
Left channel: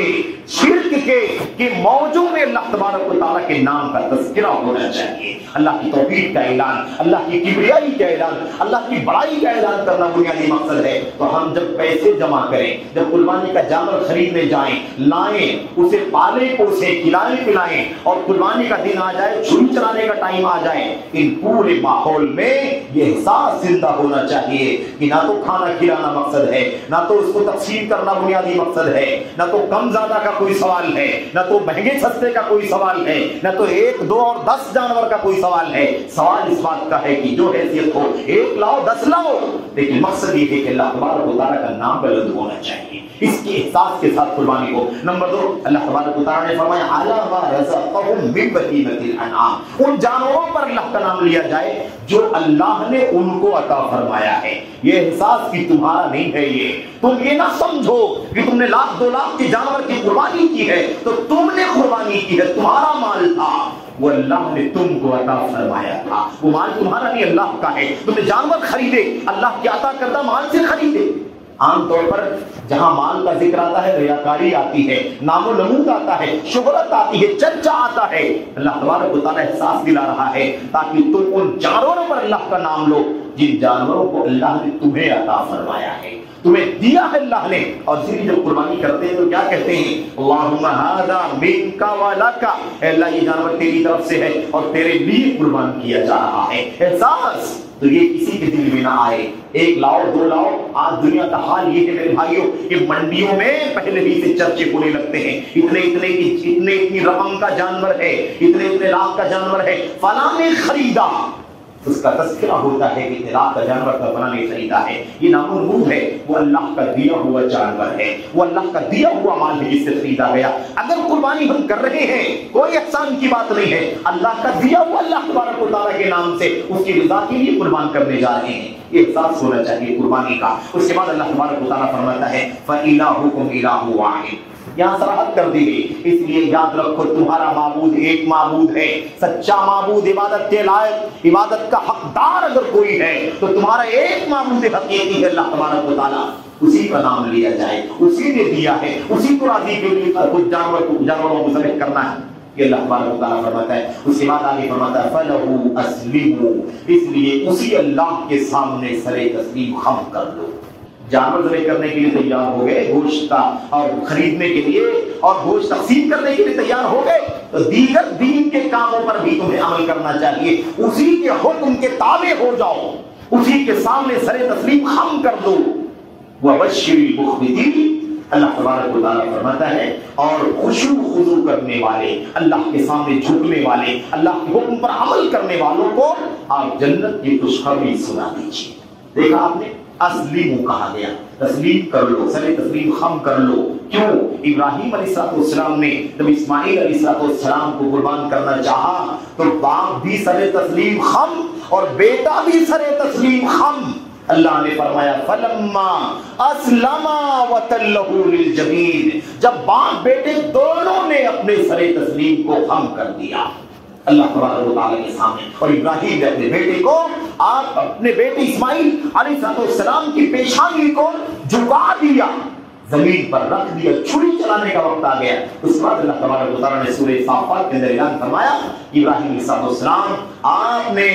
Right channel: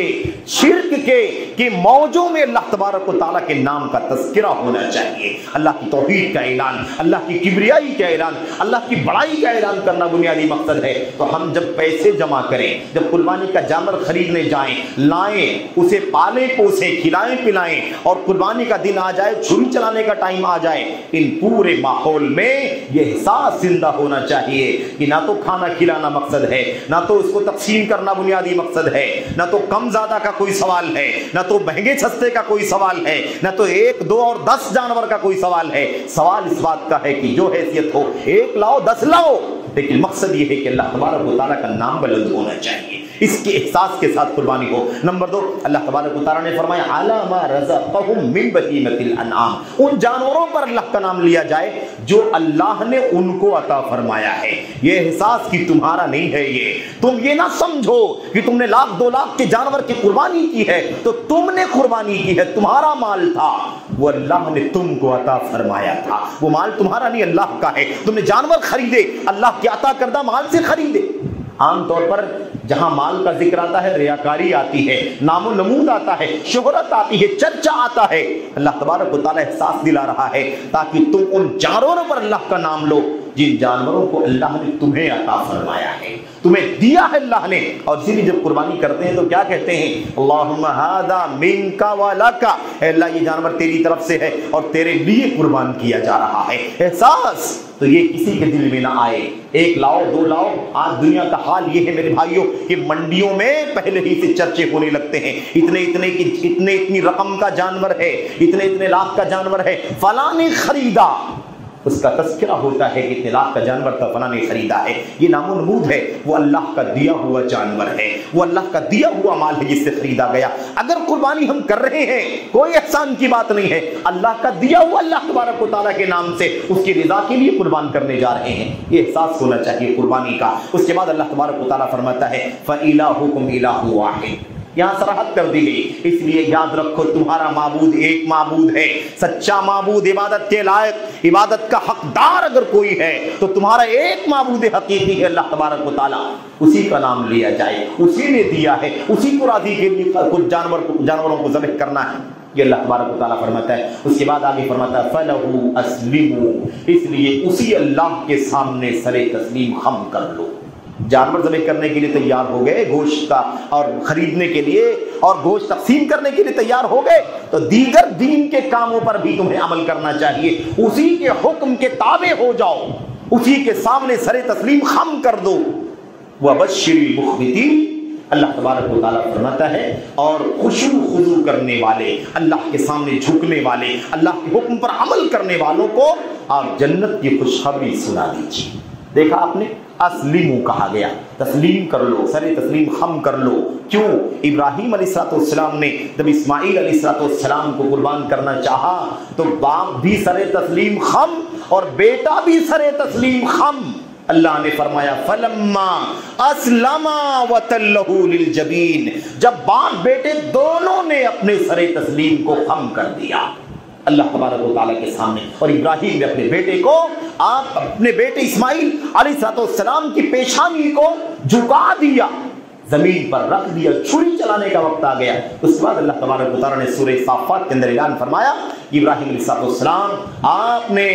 کے موضوع میں اللہ تبارک و تعالیٰ کے نام کا تذکرہ ہونا چاہیے، اللہ کی توحید کا اعلان، اللہ کی کبریائی کا اعلان، اللہ کی بڑائی کا اعلان کرنا بنیادی مقصد ہے۔ تو ہم جب پیسے جمع کریں، جب قربانی کا جانور خریدنے جائیں، لائیں، اسے پالیں پوسیں، کھلائیں پلائیں، اور قربانی کا دن آ جائے، چھری چلانے کا ٹائم آ جائے، ان پورے ماحول میں یہ احساس زندہ ہونا چاہیے کہ نہ تو کھانا کھلانا مقصد ہے، نہ تو اس کو تقسیم کرنا بنیادی مقصد ہے، نہ تو کم زیادہ کا کوئی سوال ہے، نہ تو مہنگے سستے کا کوئی سوال ہے، نہ تو 1 2 اور 10 جانور کا کوئی سوال ہے۔ سوال اس بات کا ہے کہ جو حیثیت ہو، 1 لاؤ 10 لاؤ، لیکن مقصد یہ ہے کہ اللہ تبارک و تعالیٰ کا نام بلند ہونا چاہیے، اس کے احساس کے ساتھ قربانی ہو۔ نمبر 2 اللہ تبارک و تعالیٰ نے فرمایا عَلَى مَا رَزَقَهُم مِّن بَهِيمَةِ الْأَنْعَامِ، ان جانوروں پر اللہ کا نام لیا جائے جو اللہ نے ان کو عطا فرمایا ہے۔ یہ احساس کہ تمہارا نہیں ہے، یہ تم یہ نہ سمجھو کہ تم نے 1 لاکھ 2 لاکھ کے جانور کی قربانی کی ہے تو تم نے قربانی کی ہے، تمہارا مال تھا، وہ اللہ نے تم کو عطا فرمایا تھا، وہ مال تمہارا نہیں اللہ کا ہے۔ تم نے جانور خریدے، اللہ کے عطا کردہ مال سے خریدے۔ عام طور پر جہاں مال کا ذکر آتا ہے ریاکاری آتی ہے، نام و نمود آتا ہے، شہرت آتی ہے، چرچا آتا ہے۔ اللہ تبارک و تعالیٰ احساس دلا رہا ہے تاکہ تم ان جانوروں پر اللہ کا نام لو جن جانوروں کو اللہ نے تمہیں عطا فرمایا ہے۔ تمہیں دیا ہے اللہ نے. اور اسی لیے جب قربانی کرتے ہیں تو کیا کہتے ہیں؟ اللہم ھذا منک ولک، اے اللہ یہ جانور تیری طرف سے ہے اور تیرے لیے قربان کیا جا رہا ہے. احساس تو یہ کسی کے دل میں نہ آئے. ایک لاؤ دو لاؤ. آج دنیا کا حال یہ ہے میرے بھائیوں کہ منڈیوں میں پہلے ہی سے چرچے ہونے لگتے ہیں. اتنی رقم کا جانور ہے، اتنے لاکھ کا جانور ہے، فلاں نے خریدا. اس کا تذکرہ ہوتا ہے کہ اتنے لاکھ کا جانور کا فلاں نے خریدا ہے. یہ نام و نمود ہے، وہ اللہ کا دیا ہوا جانور ہے، وہ اللہ کا دیا ہوا مال ہے جس سے خریدا گیا. اگر قربانی ہم کر رہے ہیں کوئی احسان کی بات نہیں ہے، اللہ کا دیا ہوا اللہ تبارک و تعالیٰ کے نام سے اس کی رضا کے لیے قربان کرنے جا رہے ہیں. یہ احساس ہونا چاہیے قربانی کا. اس کے بعد اللہ تبارک و تعالیٰ فرماتا ہے فَإِلَٰهُكُمْ إِلَٰهٌ وَاحِدٌ. یہاں صراحت کر دی گئی. اس لیے یاد رکھو تمہارا معبود ایک معبود ہے، سچا معبود، عبادت کے لائق، عبادت کا حقدار اگر کوئی ہے تو تمہارا ایک معبود حقیقی ہے اللہ تبارک و تعالیٰ. اسی کا نام لیا جائے، اسی نے دیا ہے، اسی کو راضی کے لیے کچھ جانوروں کو ذبح کرنا ہے. یہ اللہ تبارک و تعالیٰ فرماتا ہے. اس کے بعد آگے فرماتا ہے فَلَهُ أَسْلِمُوا. اس لیے اسی اللہ کے سامنے سر تسلیم خم کر لو. جانور ذبح کرنے کے لیے تیار ہو گئے، گوشت کا اور خریدنے کے لیے اور گوشت تقسیم کرنے کے لیے تیار ہو گئے، تو دیگر دین کے کاموں پر بھی تمہیں عمل کرنا چاہیے. اسی کے حکم کے تابع ہو جاؤ، اسی کے سامنے سر تسلیم خم کر دو. وَبَشِّرِ الْمُخْبِتِينَ. اللہ تبارک و تعالیٰ فرماتا ہے اور خشوع خضوع کرنے والے، اللہ کے سامنے جھکنے والے، اللہ کے حکم پر عمل کرنے والوں کو آپ جنت کی خوشخبری سنا دیجیے. دیکھا آپ نے، اسلموا کہا گیا، تسلیم کر لو، سر تسلیم خم کر لو. کیوں؟ ابراہیم علیہ السلام نے جب اسماعیل علیہ السلام کو قربان کرنا چاہا تو باپ بھی سر تسلیم خم اور بیٹا بھی سر تسلیم خم. اللہ نے فرمایا فَلَمَّا أَسْلَمَا وَتَلَّهُ لِلْجَبِينِ. جب باپ بیٹے دونوں نے اپنے سر تسلیم کو خم کر دیا اللہ تبارک و تعالیٰ کے سامنے، اور ابراہیم نے اپنے بیٹے کو، آپ اپنے بیٹے اسماعیل علیہ السلام کی پیشانی کو جھکا دیا، زمین پر رکھ دیا، چھری چلانے کا وقت آ گیا. اس کے بعد اللہ تبارک و تعالیٰ نے سورہ صافات کے اندر اعلان فرمایا ابراہیم علیہ السلام آپ نے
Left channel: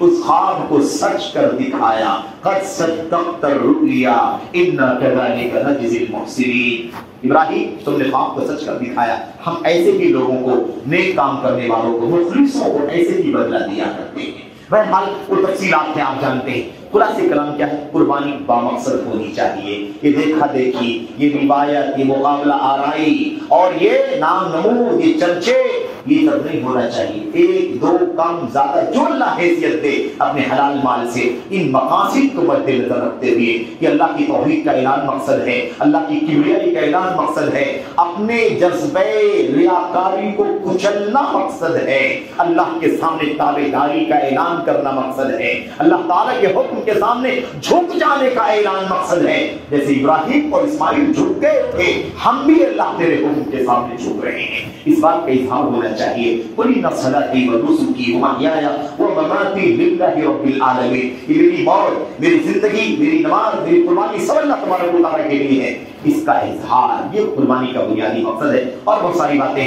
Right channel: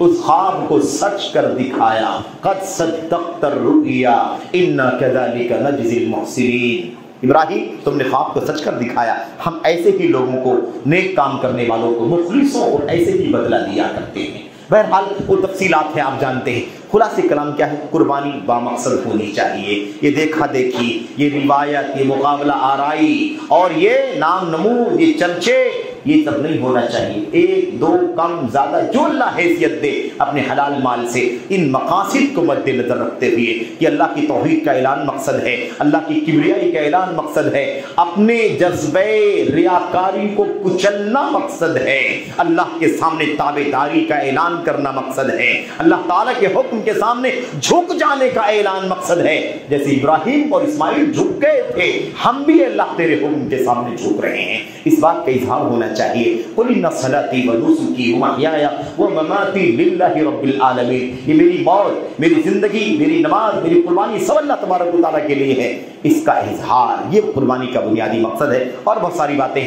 اس خواب کو سچ کر دکھایا. قد صدقت الرؤیا انا كذلك نجزي المحسنين. ابراہیم تم نے خواب کو سچ کر دکھایا، ہم ایسے ہی لوگوں کو، نیک کام کرنے والوں کو، مخلصوں کو ایسے ہی بدلہ دیا کرتے ہیں. بہرحال وہ تفصیلات ہیں، آپ جانتے ہیں. خلاصہ کلام کیا ہے؟ قربانی بامقصد ہونی چاہیے. یہ دیکھا دیکھی، یہ روایت، یہ مقابلہ آرائی اور یہ نام نمود، یہ چرچے، یہ سب نہیں ہونا چاہیے. ایک دو کم زیادہ جو اللہ حیثیت دے اپنے حلال مال سے، ان مقاصد کو مد نظر رکھتے ہوئے کہ اللہ کی توحید کا اعلان مقصد ہے، اللہ کی کبریائی کا اعلان مقصد ہے، اپنے جذبے ریاکاری کو کچلنا مقصد ہے، اللہ کے سامنے تابعداری کا اعلان کرنا مقصد ہے، اللہ تعالیٰ کے حکم کے سامنے جھک جانے کا اعلان مقصد ہے. جیسے ابراہیم اور اسماعیل جھک گئے تھے، ہم بھی اللہ تیرے حکم کے سامنے جھک رہے ہیں. اس بات کا اظہار ہونا چاہیے. قل ان صلاتي ونسكي ومحياي ومماتي لله رب العالمین. یہ میری موت، میری زندگی، میری نماز، میری قربانی سب اللہ تبارک و تعالیٰ کے لیے ہے. اس کا اظہار یہ قربانی کا بنیادی مقصد ہے. اور بہت ساری باتیں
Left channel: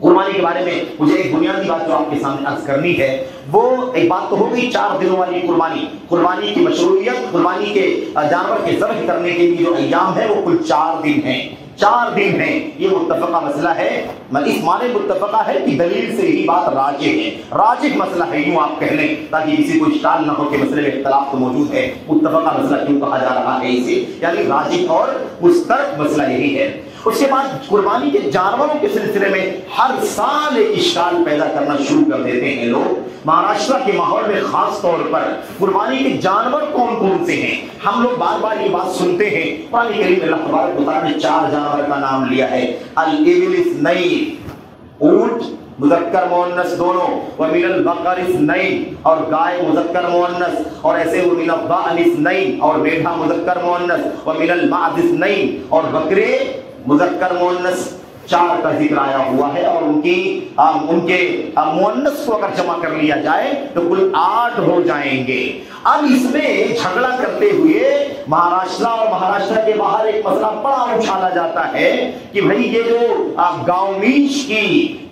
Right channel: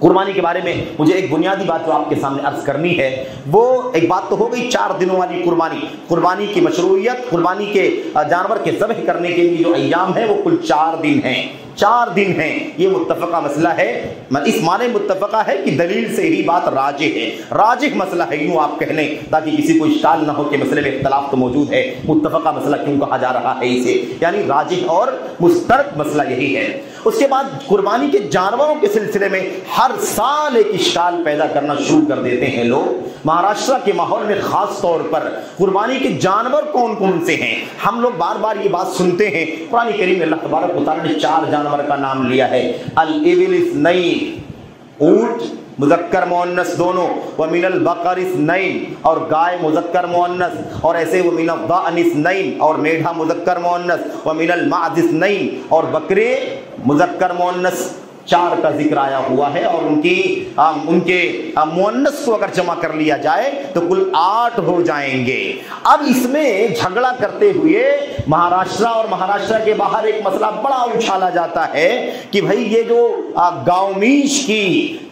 قربانی کے بارے میں مجھے ایک بنیادی بات جو آپ کے سامنے عرض کرنی ہے، وہ ایک بات تو ہو گئی 4 دنوں والی قربانی کی مشروعیت. قربانی کے جانور کے ذبح کرنے کے لیے جو ایام ہے وہ کل 4 دن ہیں. 4 دن ہیں. یہ متفقہ مسئلہ ہے. اس معنی متفقہ ہے کہ دلیل سے ہی بات راجح ہے، راجح مسئلہ ہے، یوں آپ کہہ لیں تاکہ کسی کو اشکال نہ ہو کہ مسئلے میں اختلاف تو موجود ہے. متفقہ مسئلہ کیوں کہا جا رہا ہے اسے؟ یعنی راجح اور مسترد مسئلہ یہی ہے. اس کے بعد قربانی کے جانوروں کے سلسلے میں ہر سال ایک اشکال پیدا کرنا شروع کر دیتے ہیں لوگ. مہاراشٹر کے ماحول میں خاص طور پر قربانی کے جانور کون کون سے ہیں؟ ہم لوگ بار بار یہ بات سنتے ہیں. قرآن کریم اللہ تبارک و تعالیٰ نے 4 جانور کا نام لیا ہے. الابل اثنین، اونٹ مذکر مؤنث دونوں، ومن البقر اثنین، اور گائے مذکر مؤنث، اور ایسے ومن الضأن اثنین، اور میڑھا مذکر مؤنث، ومن المعز اثنین، اور بکرے مذکر مؤنث. 4 کا ذکر آیا ہوا ہے اور ان کے مؤنث کو اگر جمع کر لیا جائے تو کل 8 ہو جائیں گے. اب اس میں جھگڑا کرتے ہوئے مہاراشٹر اور مہاراشٹر کے باہر ایک مسئلہ بڑا اچھالا جاتا ہے کہ بھئی یہ جو گاؤں میش کی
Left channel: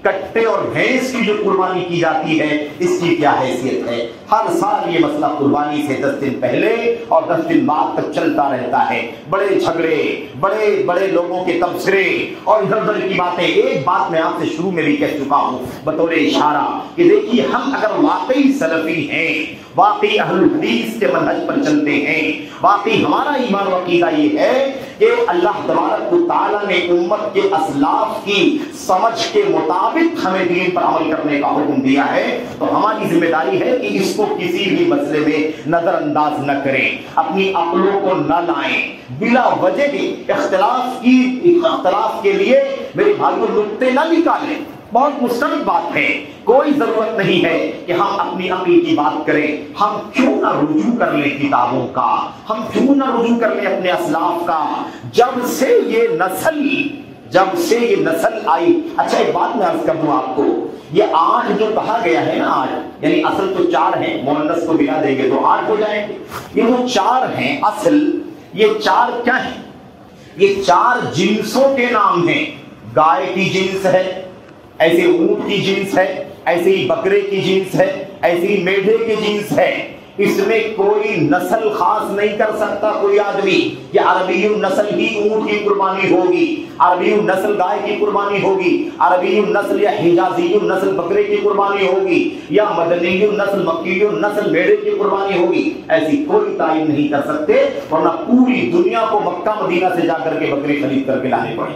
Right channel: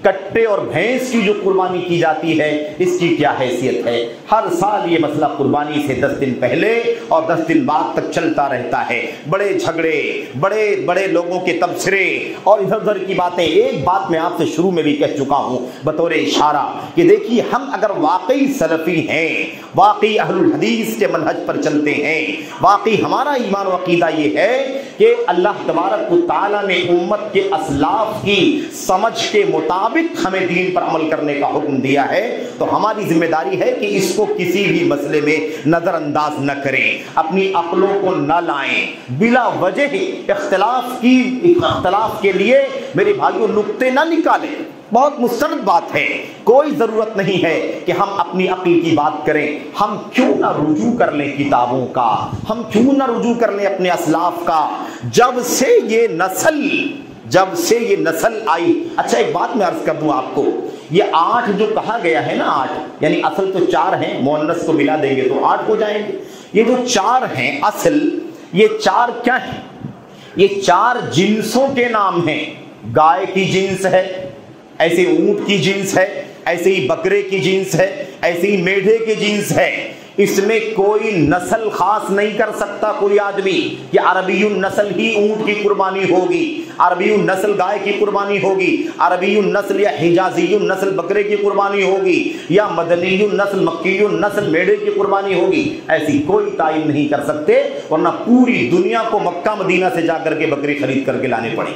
کٹے اور بھینس کی جو قربانی کی جاتی ہے اس کی کیا حیثیت ہے؟ ہر سال یہ مسئلہ قربانی سے 10 دن پہلے اور 10 دن بعد تک چلتا رہتا ہے، بڑے جھگڑے، بڑے بڑے لوگوں کے تبصرے اور ادھر ادھر کی باتیں۔ ایک بات میں آپ سے شروع میں بھی کہہ چکا ہوں بطور اشارہ کہ دیکھیے، ہم اگر واقعی سلفی ہیں، واقعی اہل الحدیث کے منہج پر چلتے ہیں، واقعی ہمارا ایمان و عقیدہ یہ ہے کہ اللہ تبارک و تعالیٰ نے امت کے اسلاف کی سمجھ کے مطابق ہمیں دین پر عمل کرنے کا حکم دیا ہے، تو ہماری ذمہ داری ہے کہ اس کو کسی بھی مسئلے میں نظر انداز نہ کریں، اپنی عقلوں کو نہ لائیں، بلا وجہ اختلاف کے لیے میرے بھائیوں نقطے نہ نکالیں۔ بہت مستند بات ہے، کوئی ضرورت نہیں ہے کہ ہم اپنی عقل کی بات کریں۔ ہم کیوں نہ رجوع کر لیں کتابوں کا، ہم کیوں نہ رجوع کر لیں اپنے اسلاف کا، جب سے یہ نسل آئی۔ اچھا ایک بات میں عرض کر دوں آپ کو، یہ 8 جو کہا گیا ہے نا، 8 یعنی اصل تو 4 ہیں، مؤنث کو ملا دیں گے تو 8 ہو جائیں گے۔ یہ جو 4 ہیں اصل، یہ 4 کیا ہیں؟ یہ 4 جنسوں کے نام ہیں۔ گائے کی جنس ہے، ایسے اونٹ کی جنس ہے، ایسے ہی بکرے کی جنس ہے، ایسے ہی میڈھے کی جنس ہے۔ اس میں کوئی نسل خاص نہیں کر سکتا کوئی آدمی کہ عربی النسل ہی اونٹ کی قربانی ہوگی، عربی النسل گائے کی قربانی ہوگی، عربی النسل یا حجازی النسل بکرے کی قربانی ہوگی، یا مدنی النسل مکی النسل میڈھے کی قربانی ہوگی۔ ایسی کوئی تعین نہیں کر سکتے، ورنہ پوری دنیا کو مکہ مدینہ سے جا کر کے بکری خرید کر کے لانے پڑے۔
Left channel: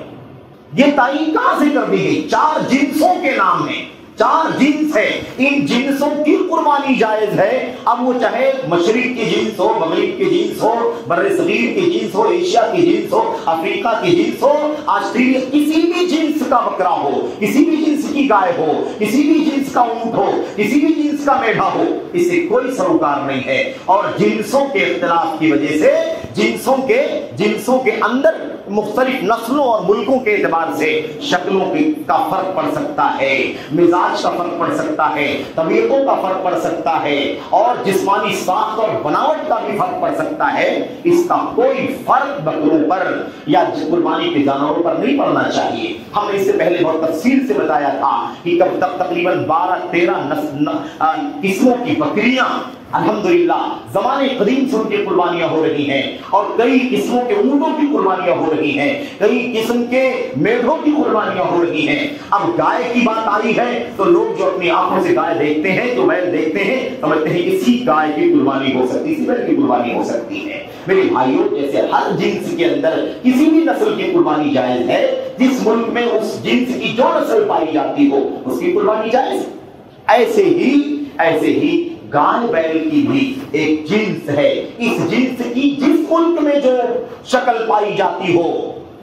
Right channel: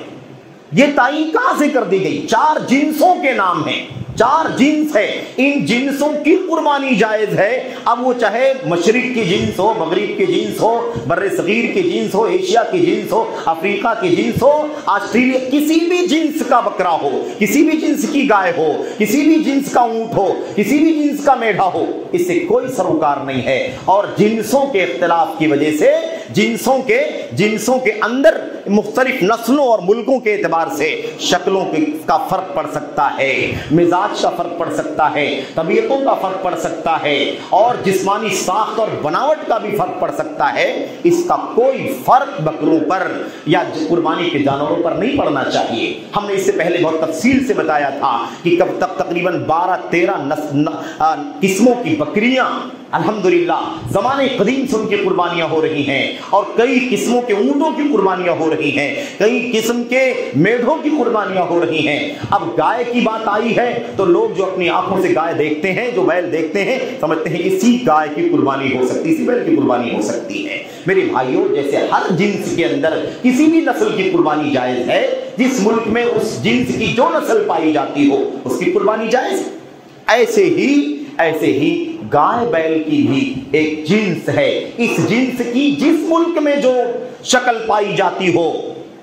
یہ تعین کہاں سے کر دی گئی؟ 4 جنسوں کے نام ہیں، 4 جنس ہے، ان جنسوں کی قربانی جائز ہے۔ اب وہ چاہے مشرق کی جنس ہو، مغرب کی جنس ہو، بر صغیر کی جنس ہو، ایشیا کی جنس ہو، افریقہ کی جنس ہو، آسٹریلیا، کسی بھی جنس کا بکرا ہو، کسی بھی جنس کی گائے ہو، کسی بھی جنس کا اونٹ ہو، کسی بھی جنس کا میڈھا ہو، اس سے کوئی سروکار نہیں ہے۔ اور جنسوں کے اختلاف کی وجہ سے جنسوں کے اندر مختلف نسلوں اور ملکوں کے اعتبار سے شکلوں کا فرق پڑ سکتا ہے، مزاج کا فرق پڑ سکتا ہے، طبیعتوں کا فرق پڑ سکتا ہے، اور جسمانی ساخت اور بناوٹ کا بھی فرق پڑ سکتا ہے۔ اس کا کوئی فرق بکروں پر یا قربانی کے جانوروں پر نہیں پڑنا چاہیے۔ ہم نے اس سے پہلے بہت تفصیل سے بتایا تھا کہ کب تک تقریباً 12-13 قسموں کی بکریاں الحمدللہ زمانے قدیم سے ان کی قربانیاں ہو رہی ہیں، اور کئی قسموں کے اونٹوں کی قربانیاں ہو رہی ہیں، کئی قسم کے میڑھوں کی قربانیاں ہو رہی ہیں۔ اب گائے کی بات آئی ہے تو لوگ جو اپنی آنکھوں سے گائے دیکھتے ہیں، جو بیل دیکھتے ہیں، سمجھتے ہیں اسی گائے کی قربانی ہو سکتی، اسی بیل کی قربانی ہو سکتی ہے۔ میرے بھائیوں، جیسے ہر جنس کے اندر کسی بھی نسل کی قربانی جائز ہے، جس ملک میں اس جنس کی جو نسل پائی جاتی ہو اس کی قربانی جائز ہے، ایسے ہی گائے بیل کی بھی ایک جنس ہے۔ اس جنس کی جس ملک میں جو شکل پائی جاتی ہو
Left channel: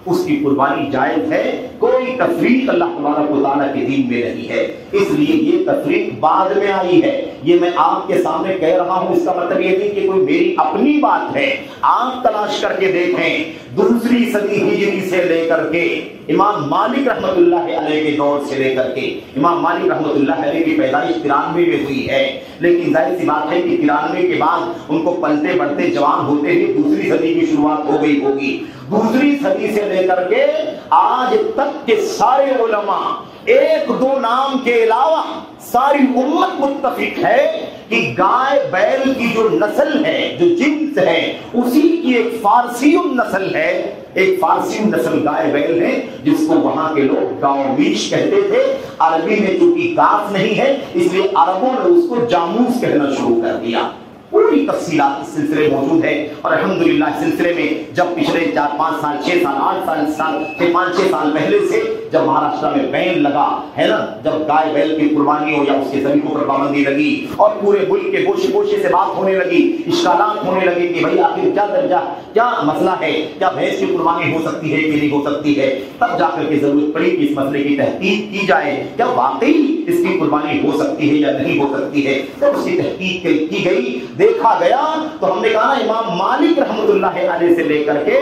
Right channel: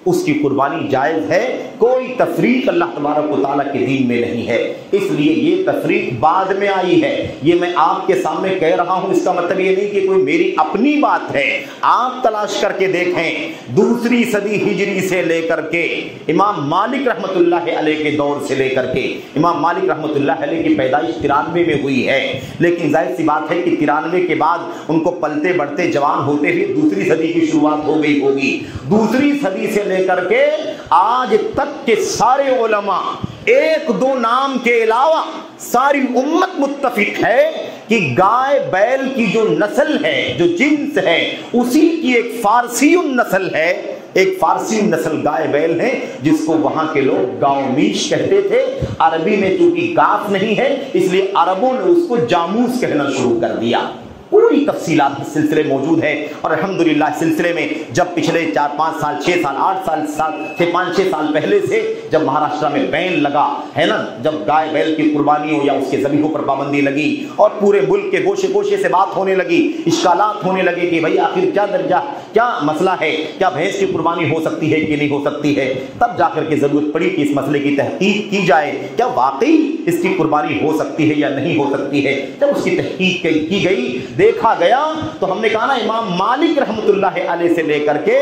اس کی قربانی جائز ہے۔ کوئی تفریق اللہ تبارک و تعالیٰ کے دین میں نہیں ہے، اس لیے یہ تفریق بعد میں آئی ہے۔ یہ میں آپ کے سامنے کہہ رہا ہوں، اس کا مطلب یہ نہیں کہ کوئی میری اپنی بات ہے۔ آپ تلاش کر کے دیکھیں، 2 صدی ہجری سے لے کر کے امام مالک رحمت اللہ علیہ کے دور سے لے کر کے، امام مالک رحمت اللہ علیہ کی پیدائش 93 میں ہوئی ہے، لیکن ظاہر سی بات ہے کہ 93 کے بعد ان کو پلتے بڑھتے جوان ہوتے ہوئے 2 صدی کی شروعات ہو گئی ہوگی۔ 2 صدی سے لے کر کے آج تک کے سارے علماء 1-2 نام کے علاوہ ساری امت متفق ہے کہ گائے بیل کی جو نسل ہے، جو جنس ہے، اسی کی ایک فارسی نسل ہے، ایک فارسی نسل گائے بیل ہے، جس کو وہاں کے لوگ گاؤ میش کہتے تھے۔ عربی میں چونکہ کاف نہیں ہے اس لیے عربوں نے اس کو جاموس کہنا شروع کر دیا۔ پوری تفصیلات اس سلسلے موجود ہے، اور الحمدللہ اس سلسلے میں جب پچھلے 4-5 سال 6 سال 8 سال 5-6 سال پہلے سے جب مہاراشٹر میں بین لگا ہے نا، جب گائے بیل کی قربانی ہو یا اس کے ذبیحوں پر پابندی لگی اور پورے ملک کے گوشے گوشے سے بات ہونے لگی، اشکالات ہونے لگے کہ بھائی آخر کیا درجہ، کیا مسئلہ ہے، کیا بھینس کی قربانی ہو سکتی ہے کہ نہیں ہو سکتی ہے، تب جا کر کے ضرورت پڑی کہ اس مسئلے کی تحقیق کی جائے، کیا واقعی اس کی قربانی ہو سکتی ہے یا نہیں ہو سکتی ہے۔ جب اس کی تحقیق کی گئی، دیکھا گیا، تو ہم نے کہا نا امام مالک رحمت اللہ علیہ سے لے کر کے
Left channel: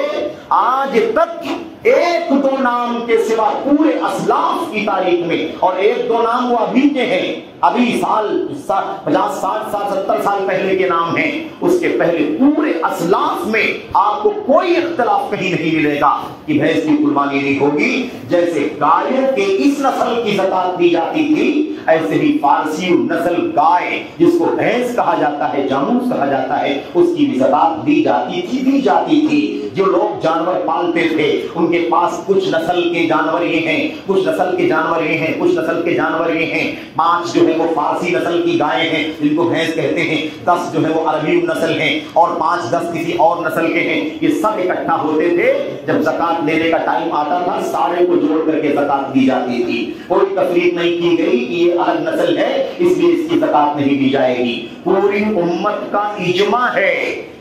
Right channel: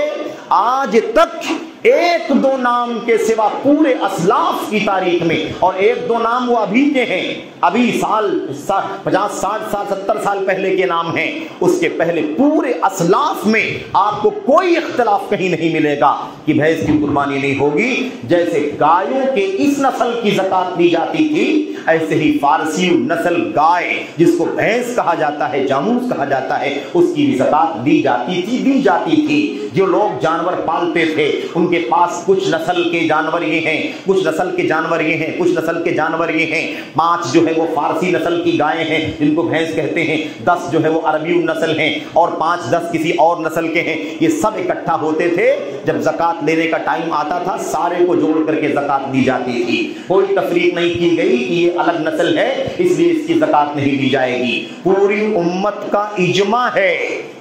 آج تک ایک دو نام کے سوا پورے اسلاف کی تاریخ میں، اور ایک دو نام وہ ابھی کے ہیں، ابھی 50 60 70 سال پہلے کے نام ہیں، اس کے پہلے پورے اسلاف میں آپ کو کوئی اختلاف کہیں نہیں ملے گا کہ بھینس کی قربانی نہیں ہوگی۔ جیسے گایوں کے اس نسل کی زکات دی جاتی تھی، ایسے ہی فارسی نسل گائے جس کو بھینس کہا جاتا ہے، جاموس کہا جاتا ہے، اس کی بھی زکات دی جاتی تھی۔ جو لوگ جانور پالتے تھے ان کے پاس کچھ نسل کے جانور یہ ہیں، کچھ نسل کے جانور یہ ہیں، کچھ نسل کے جانور یہ ہیں۔ 5 جو ہے وہ فارسی نسل کی گائیں ہیں جن کو بھینس کہتے ہیں، 10 جو ہے وہ عربی نسل ہیں، اور 5-10 کسی اور نسل کے ہیں۔ یہ سب اکٹھا ہوتے تھے، جب زکات لینے کا ٹائم آتا تھا سارے کو جوڑ کر کے زکات دی جاتی تھی، کوئی تفریق نہیں کی گئی کہ یہ الگ نسل ہے اس لیے اس کی زکات نہیں دی جائے گی۔ پوری امت کا اجماع ہے،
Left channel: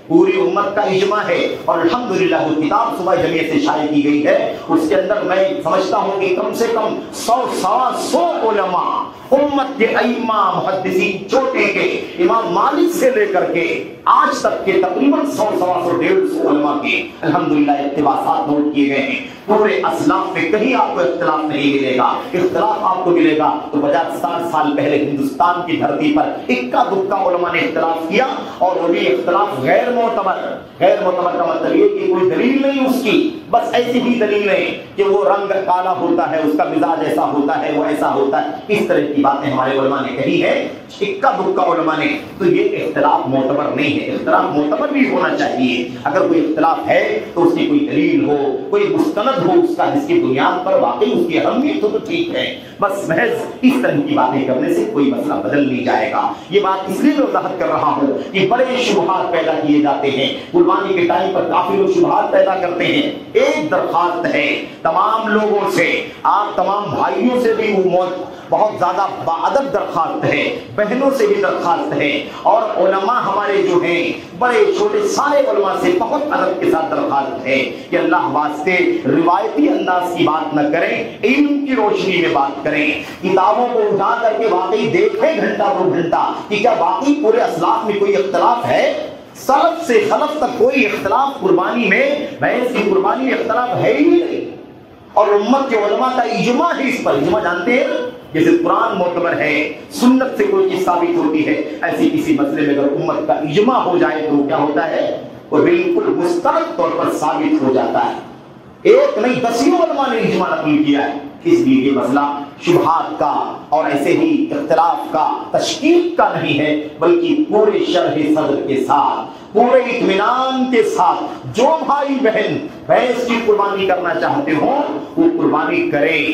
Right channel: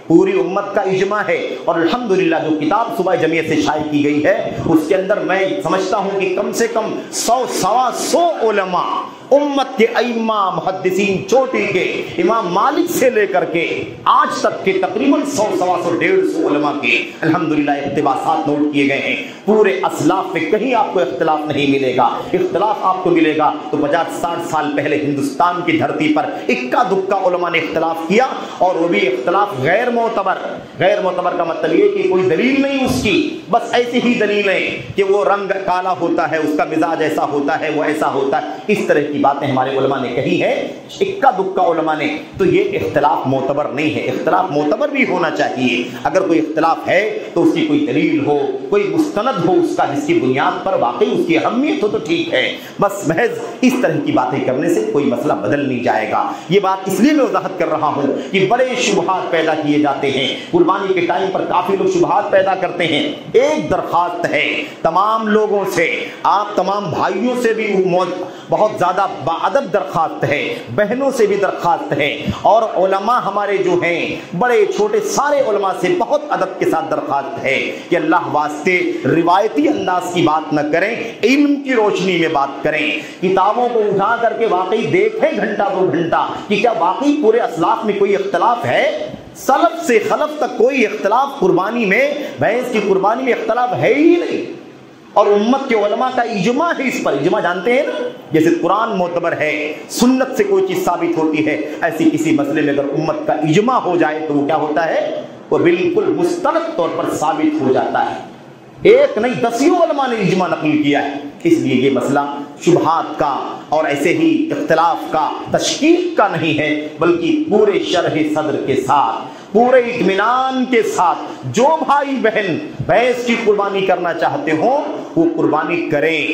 پوری امت کا اجماع ہے، اور الحمدللہ جو کتاب صوبہ جمعیت سے شائع کی گئی ہے اس کے اندر میں سمجھتا ہوں کہ کم سے کم 100 علماء امت کے ائمہ محدثین چوٹی کے امام مالک سے لے کر کے آج تک کے تقریباً 100-150 علماء کے الحمدللہ اقتباسات نوٹ کیے گئے ہیں۔ پورے اسلاف میں کہیں آپ کو اختلاف نہیں ملے گا۔ اختلاف آپ کو ملے گا تو 50-60 سال پہلے ہندوستان کی دھرتی پر اکا دکا علماء نے اختلاف کیا، اور وہ بھی اختلاف غیر معتبر کا مطلب یہ کہ کوئی دلیل نہیں اس کی، بس ایسی ہی دلیلیں کہ وہ رنگ کالا ہوتا ہے، اس کا مزاج ایسا ہوتا ہے، وہ ایسا ہوتا ہے، اس طرح کی باتیں ہمارے علماء نے کہی ہے، اکا دکا علماء نے۔ تو یہ اختلاف معتبر نہیں ہے، اختلاف معتبر بھی ہونا چاہیے۔ اگر کوئی اختلاف ہے تو اس کی کوئی دلیل ہو، کوئی مستند ہو اس کا، جس کی بنیاد پر واقعی اس کی اہمیت ہو تو ٹھیک ہے، بس محض اس طرح کی باتیں کرنے سے کوئی مسئلہ بدل نہیں جائے گا۔ یہ بات اس لیے میں وضاحت کر رہا ہوں کہ بڑے شبہات پیدا کیے جاتے ہیں قربانی کے ٹائم پر، کافی لوگ شبہات پیدا کرتے ہیں۔ ایک درخواست ہے تمام لوگوں سے، آپ تمام بھائیوں سے بھی بہت زیادہ باادب درخواست ہے، بہنوں سے بھی درخواست ہے، اور علماء ہمارے جو ہیں بڑے چھوٹے سارے علماء سے بہت ادب کے ساتھ درخواست ہے کہ اللہ واسطے روایتی انداز کی بات نہ کریں، علم کی روشنی میں بات کریں، کتابوں کو اٹھا کر کے واقعی دیکھیں گھنٹہ 2 گھنٹہ کہ کیا واقعی پورے اسلاف میں کوئی اختلاف ہے۔ سلف سے خلف تک کوئی اختلاف قربانی میں، بھینس کی قربانی میں اختلاف ہے ہی نہیں، اور امت کے علماء کا اجماع ہے اس پر۔ اجماع جانتے ہیں نا، جیسے قرآن معتبر ہے، سنت سے کوئی چیز ثابت ہوتی ہے، ایسی کسی مسئلے میں اگر امت کا اجماع ہو جائے تو کیا ہوتا ہے، وہ بالکل مستند طور پر ثابت ہو جاتا ہے۔ ایک نہیں 10 علماء نے اجماع نقل کیا ہے۔ اس لیے یہ مسئلہ شبہات کا اور ایسے ہی اختلاف کا، تشکیک کا نہیں ہے، بلکہ پورے شرح صدر کے ساتھ، پورے اطمینان کے ساتھ جو بھائی بہن بھینس کی قربانی کرنا چاہتے ہوں وہ قربانی کریں۔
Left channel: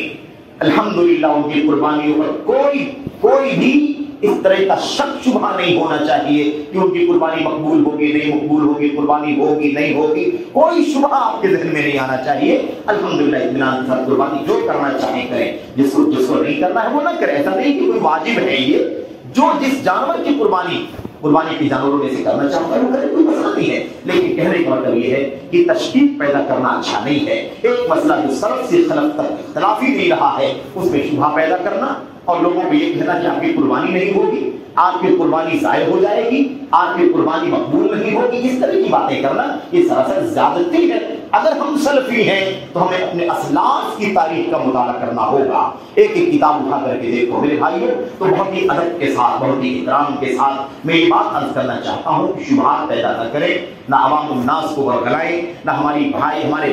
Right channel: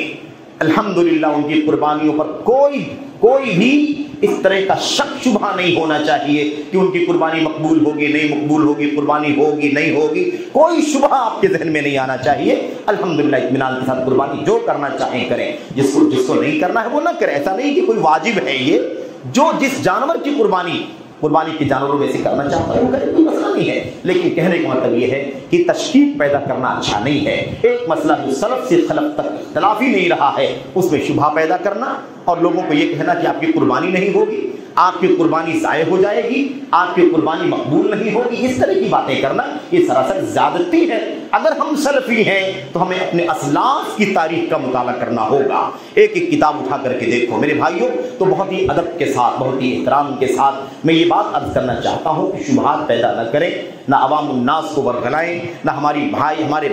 الحمدللہ ان کی قربانیوں پر کوئی بھی اس طرح کا شک شبہ نہیں ہونا چاہیے کہ ان کی قربانی مقبول ہوگی نہیں مقبول ہوگی، قربانی ہوگی نہیں ہوگی، کوئی شبہ آپ کے ذہن میں نہیں آنا چاہیے۔ الحمدللہ اطمینان کے ساتھ قربانی جو کرنا چاہیں کریں، جس کو نہیں کرنا ہے وہ نہ کریں۔ ایسا نہیں کہ کوئی واجب ہے، یہ جو جس جانور کی قربانی کے جانوروں میں سے کرنا چاہتا ہے وہ کرے، کوئی مسئلہ نہیں ہے، لیکن کہنے کا مطلب یہ ہے کہ تشکیک پیدا کرنا اچھا نہیں ہے۔ ایک مسئلہ جو سلف سے خلف تک اختلافی نہیں رہا ہے اس میں شبہ پیدا کرنا، اور لوگوں کو یہ کہنا کہ آپ کی قربانی نہیں ہوگی، آپ کی قربانی ضائع ہو جائے گی، آپ کی قربانی مقبول نہیں ہوگی، اس طرح کی باتیں کرنا یہ سراسر زیادتی ہے۔ اگر ہم سلفی ہیں تو ہمیں اپنے اسلاف کی تاریخ کا مطالعہ کرنا ہوگا۔ ایک کتاب اٹھا کر کے دیکھو میرے بھائیوں، تو بہت ہی ادب کے ساتھ، بہت ہی احترام کے ساتھ میں یہ بات عرض کرنا چاہتا ہوں کہ شبہات پیدا نہ کریں، نہ عوام الناس کو ورگلائیں، نہ ہمارے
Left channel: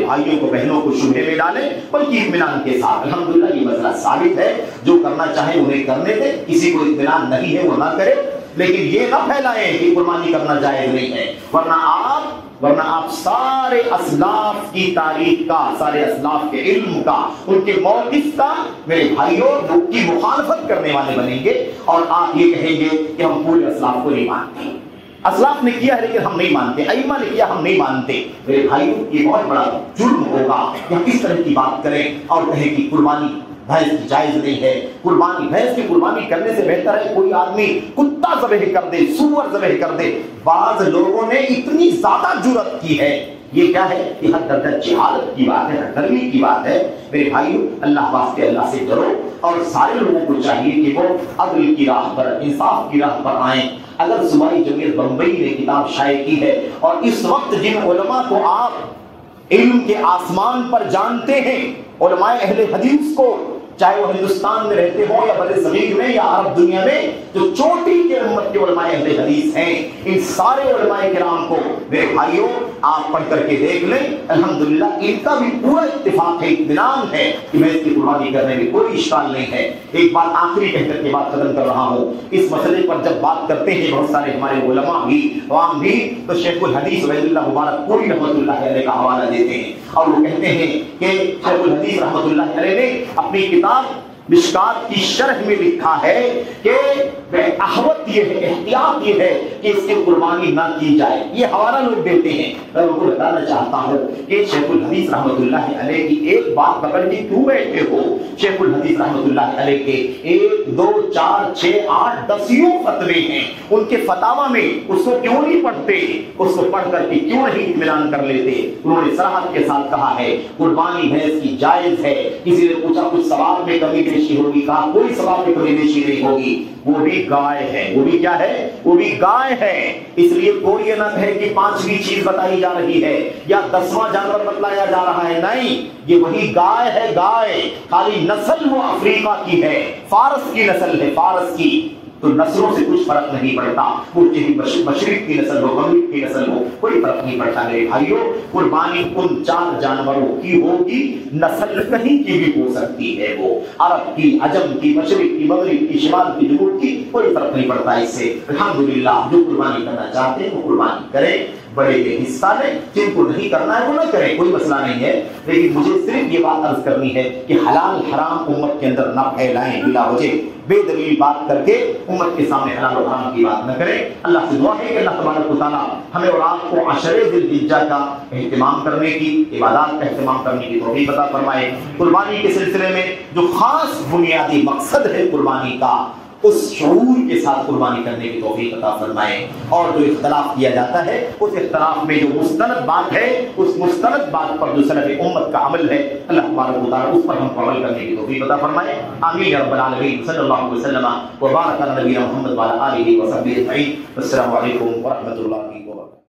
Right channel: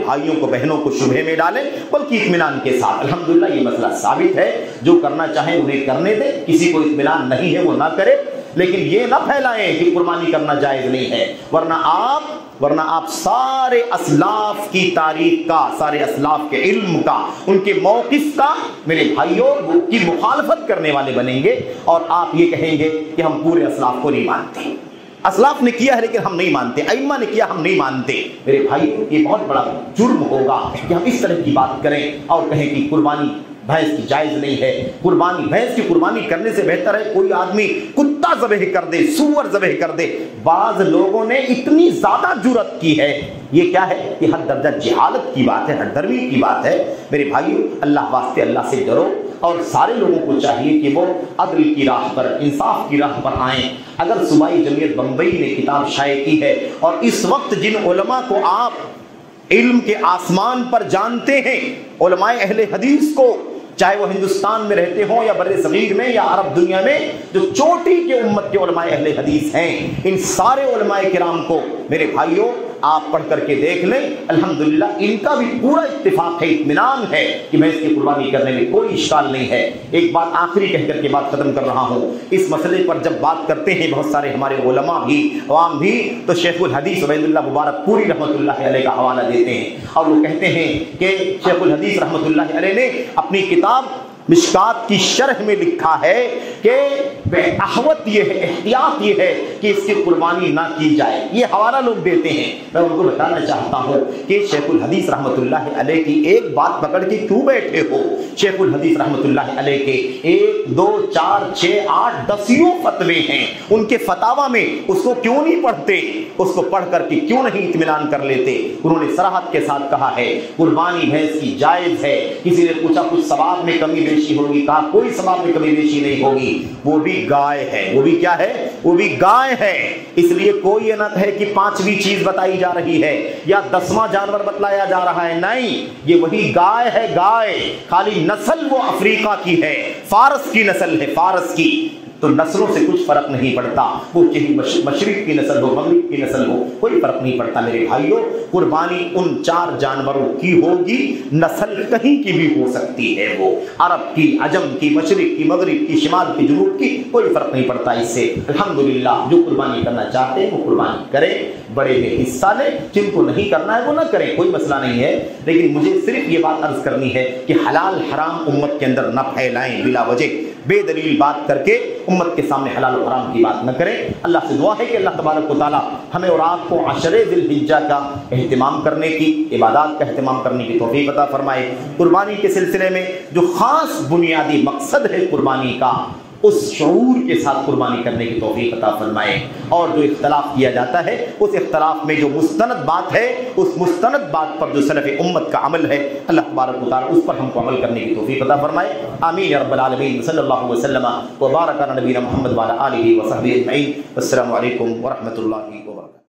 بھائیوں کو بہنوں کو شبہے میں ڈالیں، بلکہ اطمینان کے ساتھ۔ الحمدللہ یہ مسئلہ ثابت ہے، جو کرنا چاہیں انہیں کرنے دیں، کسی کو اطمینان نہیں ہے وہ نہ کرے، لیکن یہ نہ پھیلائیں کہ قربانی کرنا جائز نہیں ہے، ورنہ آپ سارے اسلاف کی تاریخ کا، سارے اسلاف کے علم کا، ان کے موقف کا میرے بھائیوں کی مخالفت کرنے والے بنیں گے، اور آپ یہ کہیں گے کہ ہم پورے اسلاف کو نہیں مانتے، اسلاف نے کیا ہے لیکن ہم نہیں مانتے، ائمہ نے کیا ہم نہیں مانتے۔ میرے بھائیوں یہ بہت بڑا جرم ہوگا کہ ہم اس طرح کی بات کریں اور کہیں کہ قربانی بھینس کی جائز نہیں ہے۔ بھینس کی قربانی کرنے سے بہتر ہے کوئی آدمی کتا ذبح کر دے، سور ذبح کر دے۔ بعض لوگوں نے اتنی زیادہ جرأت کی ہے، یہ کیا ہے کہ حد درجہ جہالت کی بات ہے، حد دروی کی بات ہے۔ میرے بھائیو اللہ واسطے اللہ سے ڈرو، اور سارے لوگوں کو چاہیے کہ وہ عدل کی راہ پر، انصاف کی راہ پر آئیں۔ اگر صوبائی جمعیت بمبئی نے کتاب شائع کی ہے، اور اس وقت جن علماء کو آپ علم کے آسمان پر جانتے ہیں علماء اہل حدیث کو، چاہے وہ ہندوستان میں رہتے ہوں یا بر صغیر میں یا عرب دنیا میں، جو چوٹی کے امت کے علماء اہل حدیث ہیں، ان سارے علماء کرام کو میرے بھائیوں آپ پڑھ کر کے دیکھ لیں، الحمدللہ ان کا بھی پورا اتفاق ہے، اطمینان ہے کہ میں اس کی قربانی کرنے میں کوئی اشکال نہیں ہے۔ ایک بات آخری کہہ کر کے بات ختم کر رہا ہوں، اس مسئلے پر جب بات کرتے ہیں بہت سارے ہمارے علماء بھی عوام بھی، تو شیخ الحدیث عبید اللہ مبارک پوری رحمۃ اللہ علیہ کا حوالہ دیتے ہیں، اور وہ کہتے ہیں کہ شیخ الحدیث رحمۃ اللہ علیہ نے اپنی کتاب مشکات کی شرح میں لکھا ہے کہ احوط یہ ہے، احتیاط یہ ہے کہ اس کی قربانی نہ کی جائے، یہ حوالہ لوگ دیتے ہیں۔ میں ان کو بتانا چاہتا ہوں کہ شیخ الحدیث رحمۃ اللہ علیہ کی ایک بات پکڑ کے کیوں بیٹھے ہو؟ شیخ الحدیث رحمۃ اللہ علیہ کے 1 2 4 6 8 10 فتوے ہیں، ان کے فتاوا میں اس کو کیوں نہیں پڑھتے؟ اس کو پڑھ کر کے کیوں نہیں اطمینان کر لیتے؟ انہوں نے صراحت کے ساتھ کہا ہے قربانی بھینس کی جائز ہے۔ کسی نے پوچھا کچھ ثواب میں کمی بیشی ہوگی، کہا کوئی ثواب میں کمی بیشی نہیں ہوگی، وہ بھی گائے ہے، وہ بھی کیا ہے؟ وہ بھی گائے ہے۔ اس لیے کوئی یہ نہ ہے کہ 5ویں چیز بتائی جا رہی ہے یا 10واں جانور بتلایا جا رہا ہے، نہیں، یہ وہی گائے ہے، گائے، خالی نسل وہ افریقہ کی ہے، فارس کی نسل ہے، فارس کی، تو نسلوں سے کچھ فرق نہیں پڑتا، وہ چاہے مشرق کی نسل ہو، مغرب کی نسل ہو، کوئی فرق نہیں پڑتا میرے بھائیوں۔ قربانی ان 4 جانوروں کی ہوگی، نسل کہیں کی بھی ہو سکتی ہے، وہ عرب کی، عجم کی، مشرق کی، مغرب کی، شمال کی، جنوب کی، کوئی فرق نہیں پڑتا اس سے۔ الحمدللہ جو قربانی کرنا چاہتے ہیں وہ قربانی کریں، بڑے بے حصہ لیں، جن کو نہیں کرنا ہے وہ نہ کریں، کوئی مسئلہ نہیں ہے، لیکن مجھے صرف یہ بات عرض کرنی ہے کہ حلال حرام امت کے اندر نہ پھیلائیں بلا وجہ، بے دلیل بات کر کے امت کے سامنے حلال و حرام کی بات نہ کریں۔ اللہ سے دعا ہے کہ اللہ تبارک و تعالیٰ ہمیں اور آپ کو عشرے ذی الحجہ کا اہتمام کرنے کی، عبادات کا اہتمام کرنے کی توفیق عطا فرمائے۔ قربانی کے سلسلے میں جو خاص بنیادی مقصد ہے قربانی کا، اس شعور کے ساتھ قربانی کرنے کی توفیق عطا فرمائے، اور جو اختلاف کیا جاتا ہے اس اختلاف میں جو مستند بات ہے، اس مستند بات پر جو سلف امت کا عمل ہے، اللہ تبارک و تعالیٰ اس پر ہم کو عمل کرنے کی توفیق عطا فرمائے۔ آمین یا رب العالمین۔ صلی اللہ علیہ وسلم و بارک علی نبینا محمد وعلی آلہ وصحبہ اجمعین۔ السلام علیکم ورحمۃ اللہ۔